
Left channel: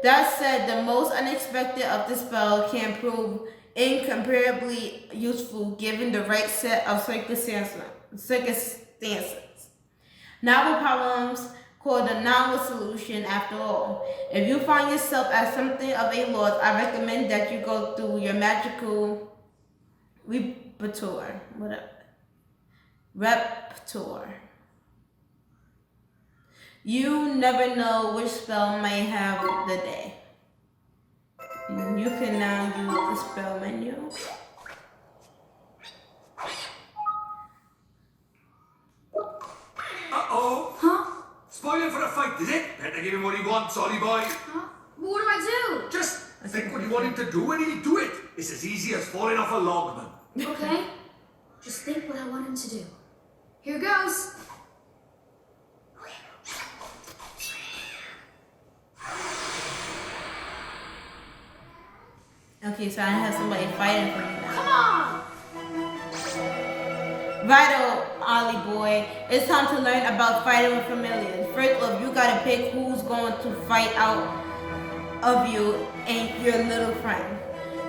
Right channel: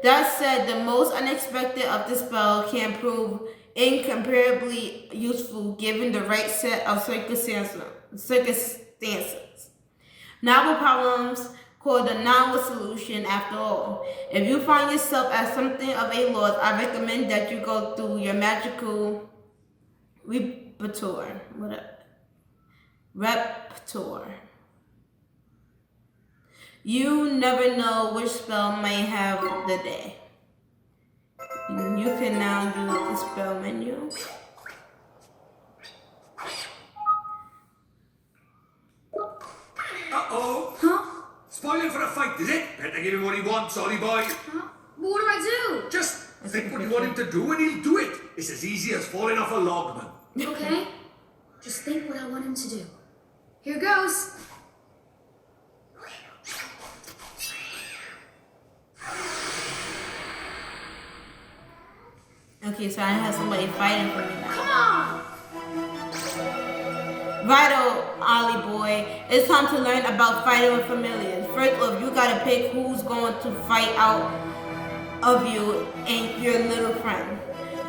That said, the most unexpected of the spell can prove incomparably useful given the right set of circumstances. Novel problems called a novel solution after all. If you find yourself at something of a loss, I recommend that you go through your magical repertoire. You never know which spell may have the day. You can now use the spell menu. Uh-oh. Huh? Spoiling for a fight, is it? Better give him what he wants, Ollie boy. Huh? What do I do? Just think what you want him to do and he'll do it. It's as easy as falling off a log, man. Okay. Just think what I want him to do. Here goes. Okay, so I have somebody fighting for me now. Come on! Vital, Ollie boy. It's time to learn about fighting with familiars. First off, you gotta pick who's going to fight out of you and your little friend.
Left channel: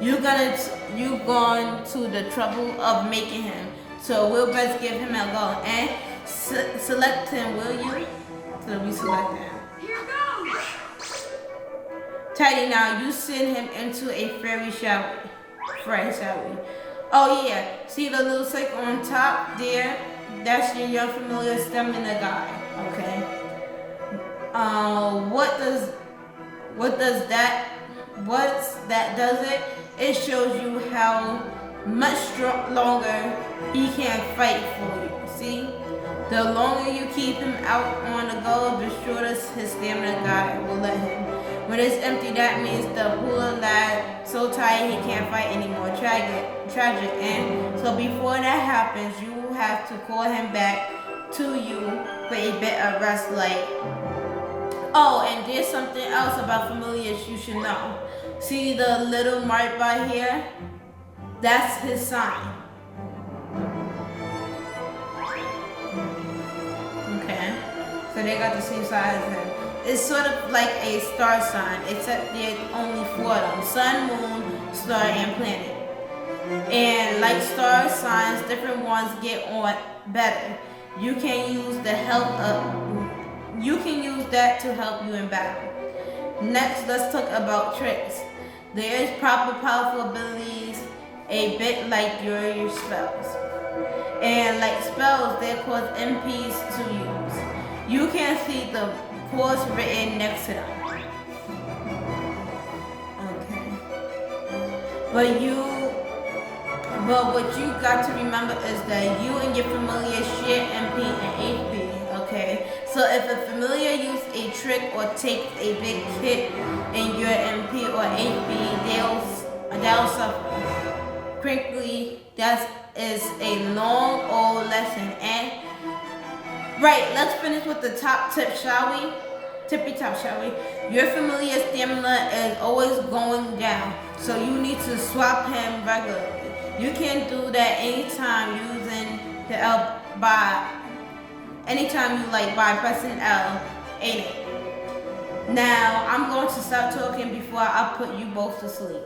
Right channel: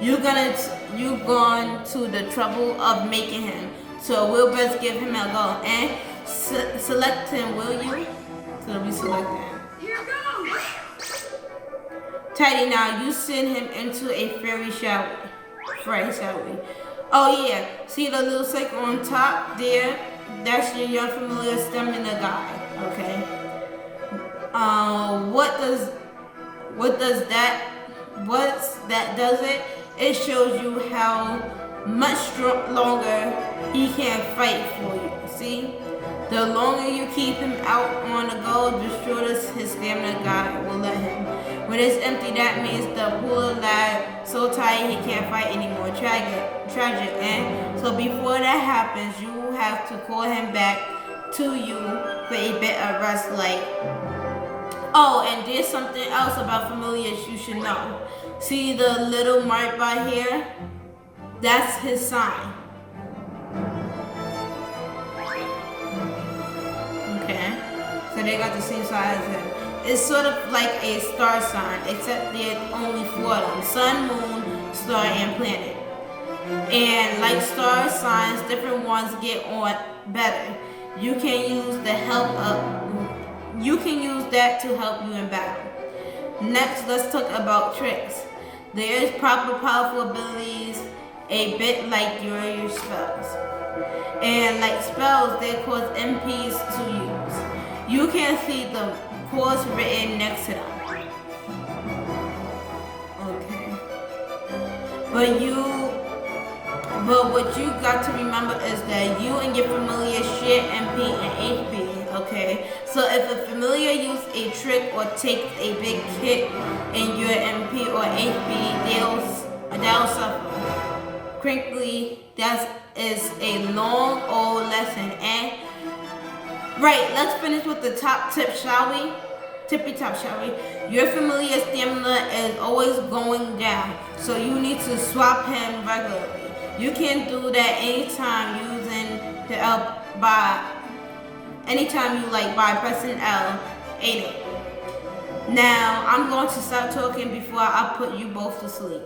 You've gone to the trouble of making him. So we'll best give him a go. And select him, will you? So we select him. Here goes! Tidy, now you send him into a fairy shower. Oh yeah, see the little circle on top there? That's your young familiar stamina guy, okay? What's that does it? It shows you how much longer he can fight for you, see? The longer you keep him out on the go, the shorter his stamina guy will let him. When it's empty, that means the poor lad so tired he can't fight anymore. Tragic, and so before that happens, you have to call him back to you for a bit of rest. Oh, and there's something else about familiars you should know. See the little mark by here? That's his sign. Okay, so they got the same sign as him. It's sort of like a star sign, except there's only 4 of them: sun, moon, star, and planet. And like star signs, different ones get on better. You can use that to help you in battle. Next, let's talk about tricks. There is proper powerful abilities, a bit like your spells. And like spells, they cause MPs to use. You can see the course written next to them. Okay. But what you got to remember is that you and your familiar share MP and HP, okay? So if a familiar uses a trick or takes a big hit in your MP or HP, they'll suffer. Crinkly, that is a long old lesson. And right, let's finish with the top tip, shall we? Tippy top, shall we? Your familiar stamina is always going down, so you need to swap him regularly. You can do that anytime using the by pressing L, ain't it? Now, I'm going to stop talking before I put you both to sleep.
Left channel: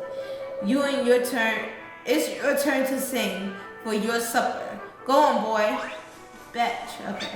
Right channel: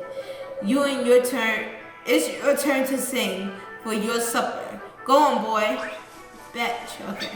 It's your turn to sing for your supper. Go on, boy. Batch, okay.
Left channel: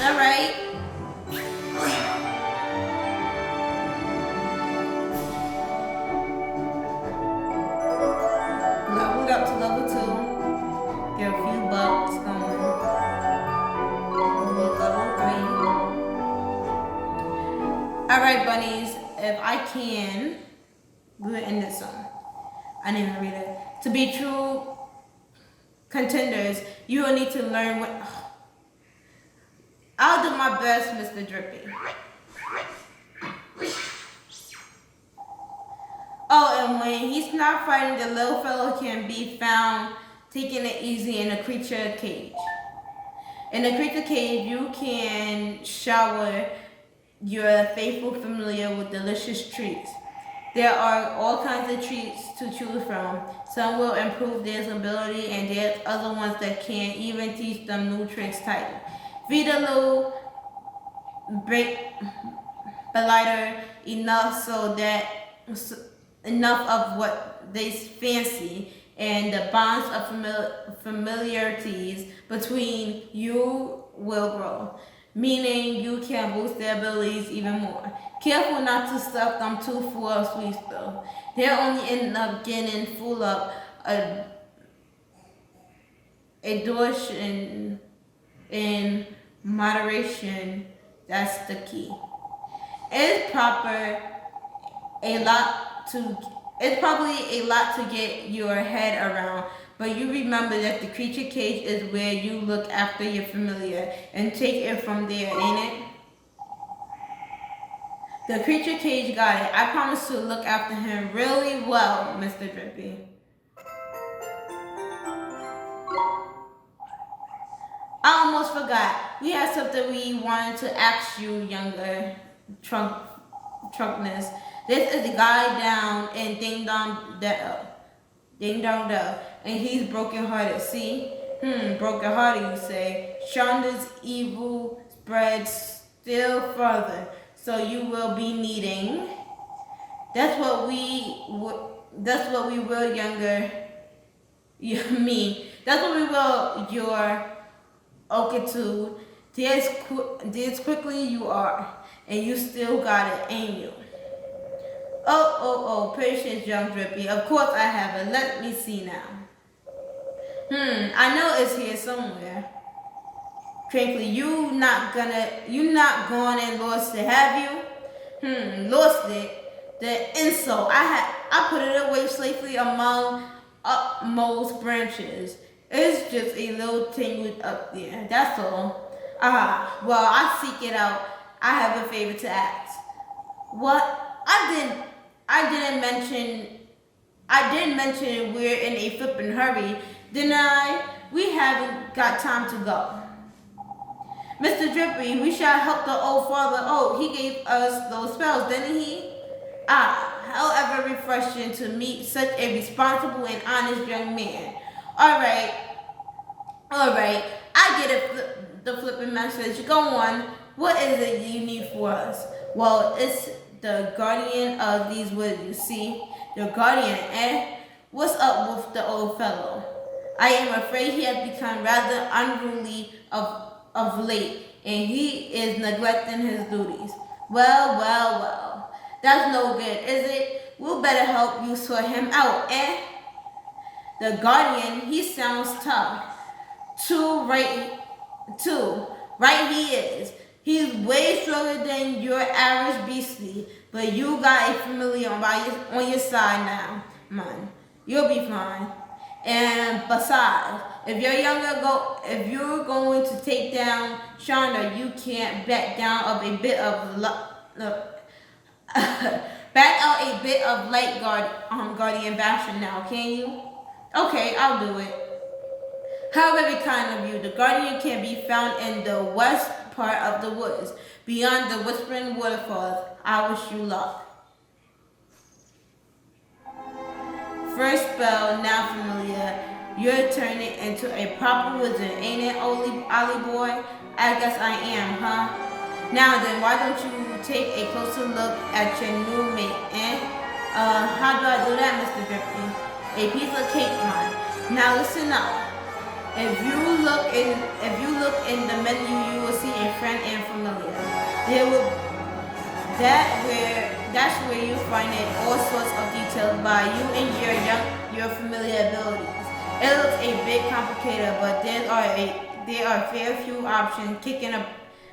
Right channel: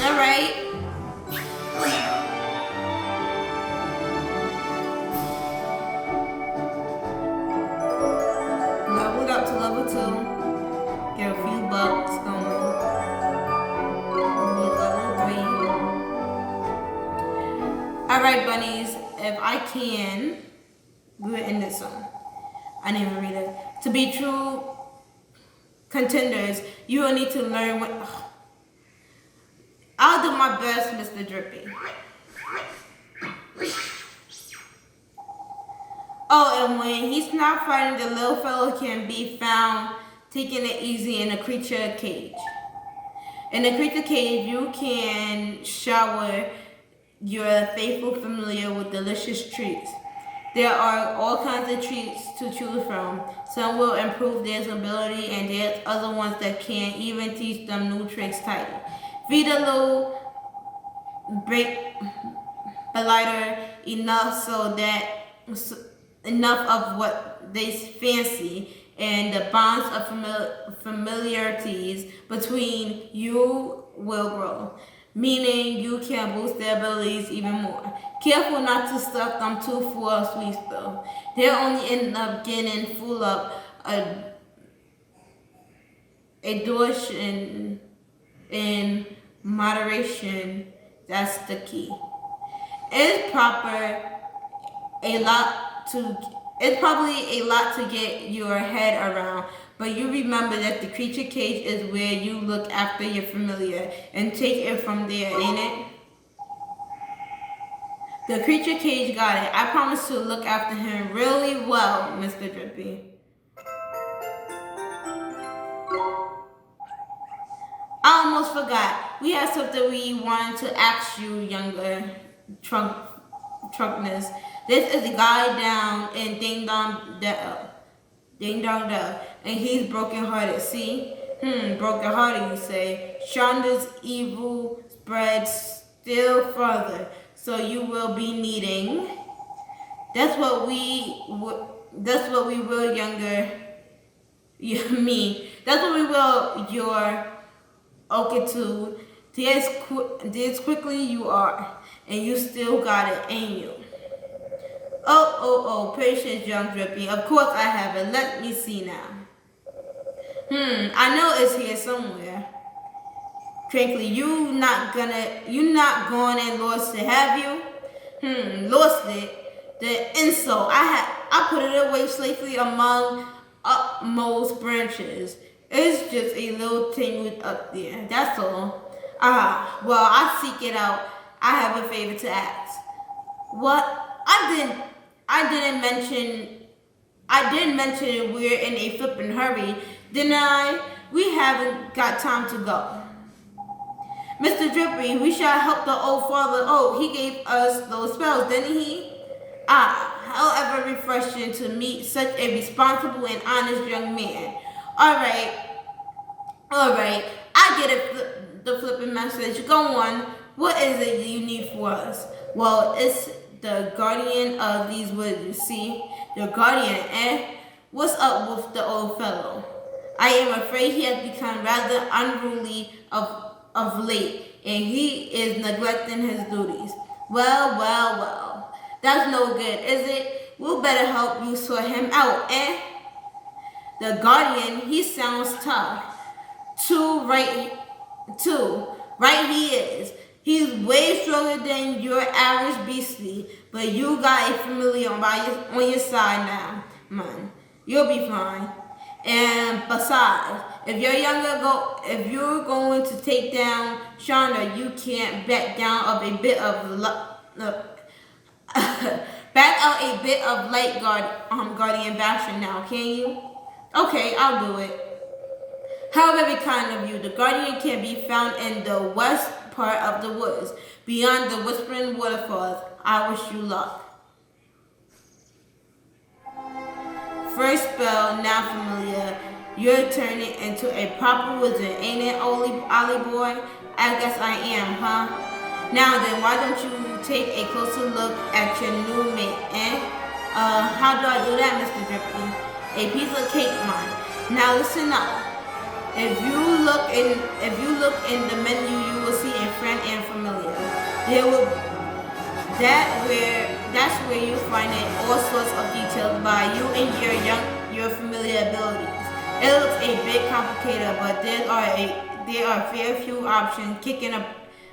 Alright. Leveled up to level 2. Get a few bucks going. Level 3. Alright, bunnies. If I can, we will end this song. I didn't even read it. To be true contenders, you will need to learn what... I'll do my best, Mr. Drippy. Oh, and when he's not fighting, the little fellow can be found taking it easy in a creature cage. In the creature cage, you can shower your faithful familiar with delicious treats. There are all kinds of treats to choose from. Some will improve their ability, and there's other ones that can even teach them new tricks tighter. Feed a little lighter enough enough of what they fancy, and the bonds of familiarities between you will grow, meaning you can boost their abilities even more. Careful not to stuff them too full of sweets though. They'll only end up getting full of a dose in moderation. That's the key. It's probably a lot to get your head around, but you remember that the creature cage is where you look after your familiar and take it from there, ain't it? The creature cage got it. I promise to look after him really well, Mr. Drippy. I almost forgot. We had something we wanted to ask you, younger Trunkness. This is the guy down in Ding Dong Dell, and he's broken-hearted. See? Broken-hearted, you say. Shonda's evil spreads still further, so you will be needing. That's what we will, younger. Me. That's what we will, your Okatu. This quickly you are, and you still got it, ain't you? Oh, patience, young Drippy. Of course I have it. Let me see now. I know it's here somewhere. Crinkly, you not gone and lost it, have you? Lost it? The insult. I put it away safely among upmost branches. It's just a little tangled up there. That's all. Well, I seek it out. I have a favor to ask. What? I didn't mention we're in a flippin' hurry, didn't I? We haven't got time to go. Mr. Drippy, we shall help the old father. Oh, he gave us those spells, didn't he? However refreshing to meet such a responsible and honest young man. All right. I get it, the flipping message. Go on. What is it you need for us? Well, it's the guardian of these woods, you see. The guardian, eh? What's up with the old fellow? I am afraid he has become rather unruly of late, and he is neglecting his duties. Well. That's no good, is it? We'll better help you sort him out, eh? The guardian, he sounds tough. Right he is. He's way stronger than your average beastie, but you got a familiar on your side now, man. You'll be fine. And besides, if you're going to take down Shonda, you can't back out a bit of light guardian bastion now, can you? Okay, I'll do it. How very kind of you. The guardian can be found in the west part of the woods, beyond the whispering waterfalls. I wish you luck. First spell, now familiar. You're turning into a proper wizard, ain't it, Ollie boy? I guess I am, huh? Now then, why don't you take a closer look at your new mate, eh? How do I do that, Mr. Drippy? A piece of cake, man. Now listen up. If you look in the menu, you will see a friend and familiar. That's where you find all sorts of details about you and your familiar abilities. It looks a bit complicated, but there are a fair few options kicking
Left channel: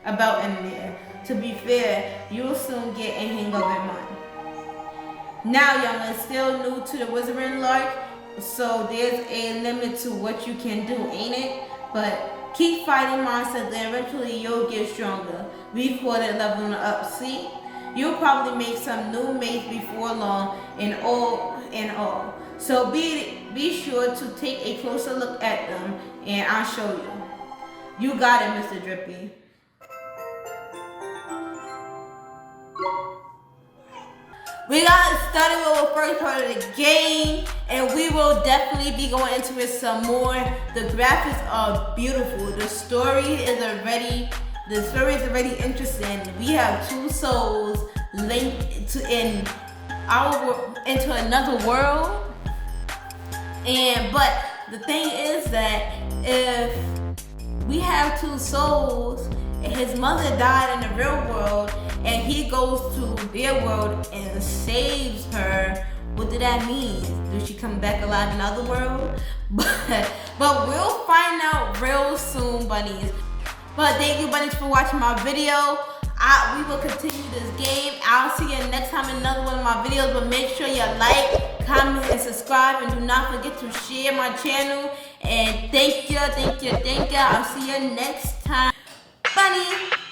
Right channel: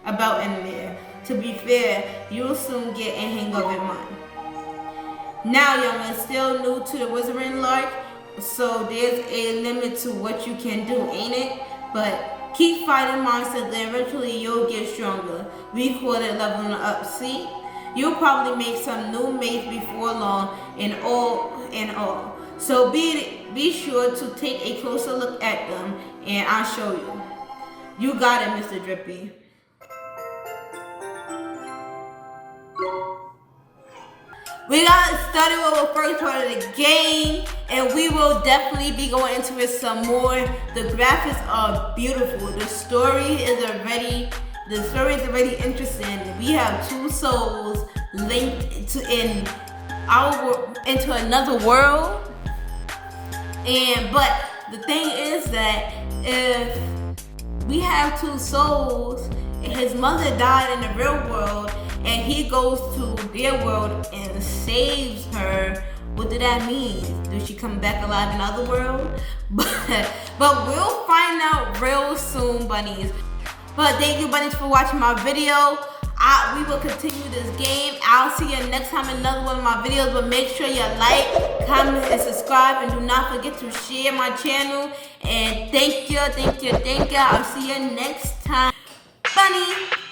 about in there. To be fair, you'll soon get a hang of it, man. Now, youngin', still new to the wizarding lark, so there's a limit to what you can do, ain't it? But keep fighting monsters, and eventually you'll get stronger. We call it leveling up, see? You'll probably make some new mates before long, and all. So be sure to take a closer look at them, and I'll show you. You got it, Mr. Drippy. We got started with the first part of the game, and we will definitely be going into it some more. The graphics are beautiful. The story is already interesting. We have two souls linked into another world. But the thing is that if we have two souls, his mother died in the real world, and he goes to their world and saves her. What did that mean? Does she come back alive in another world? But we'll find out real soon, bunnies. But thank you, bunnies, for watching my video. We will continue this game. I'll see you next time in another one of my videos. But make sure you like, comment, and subscribe. And do not forget to share my channel. And thank you. I'll see you next time. Bunny.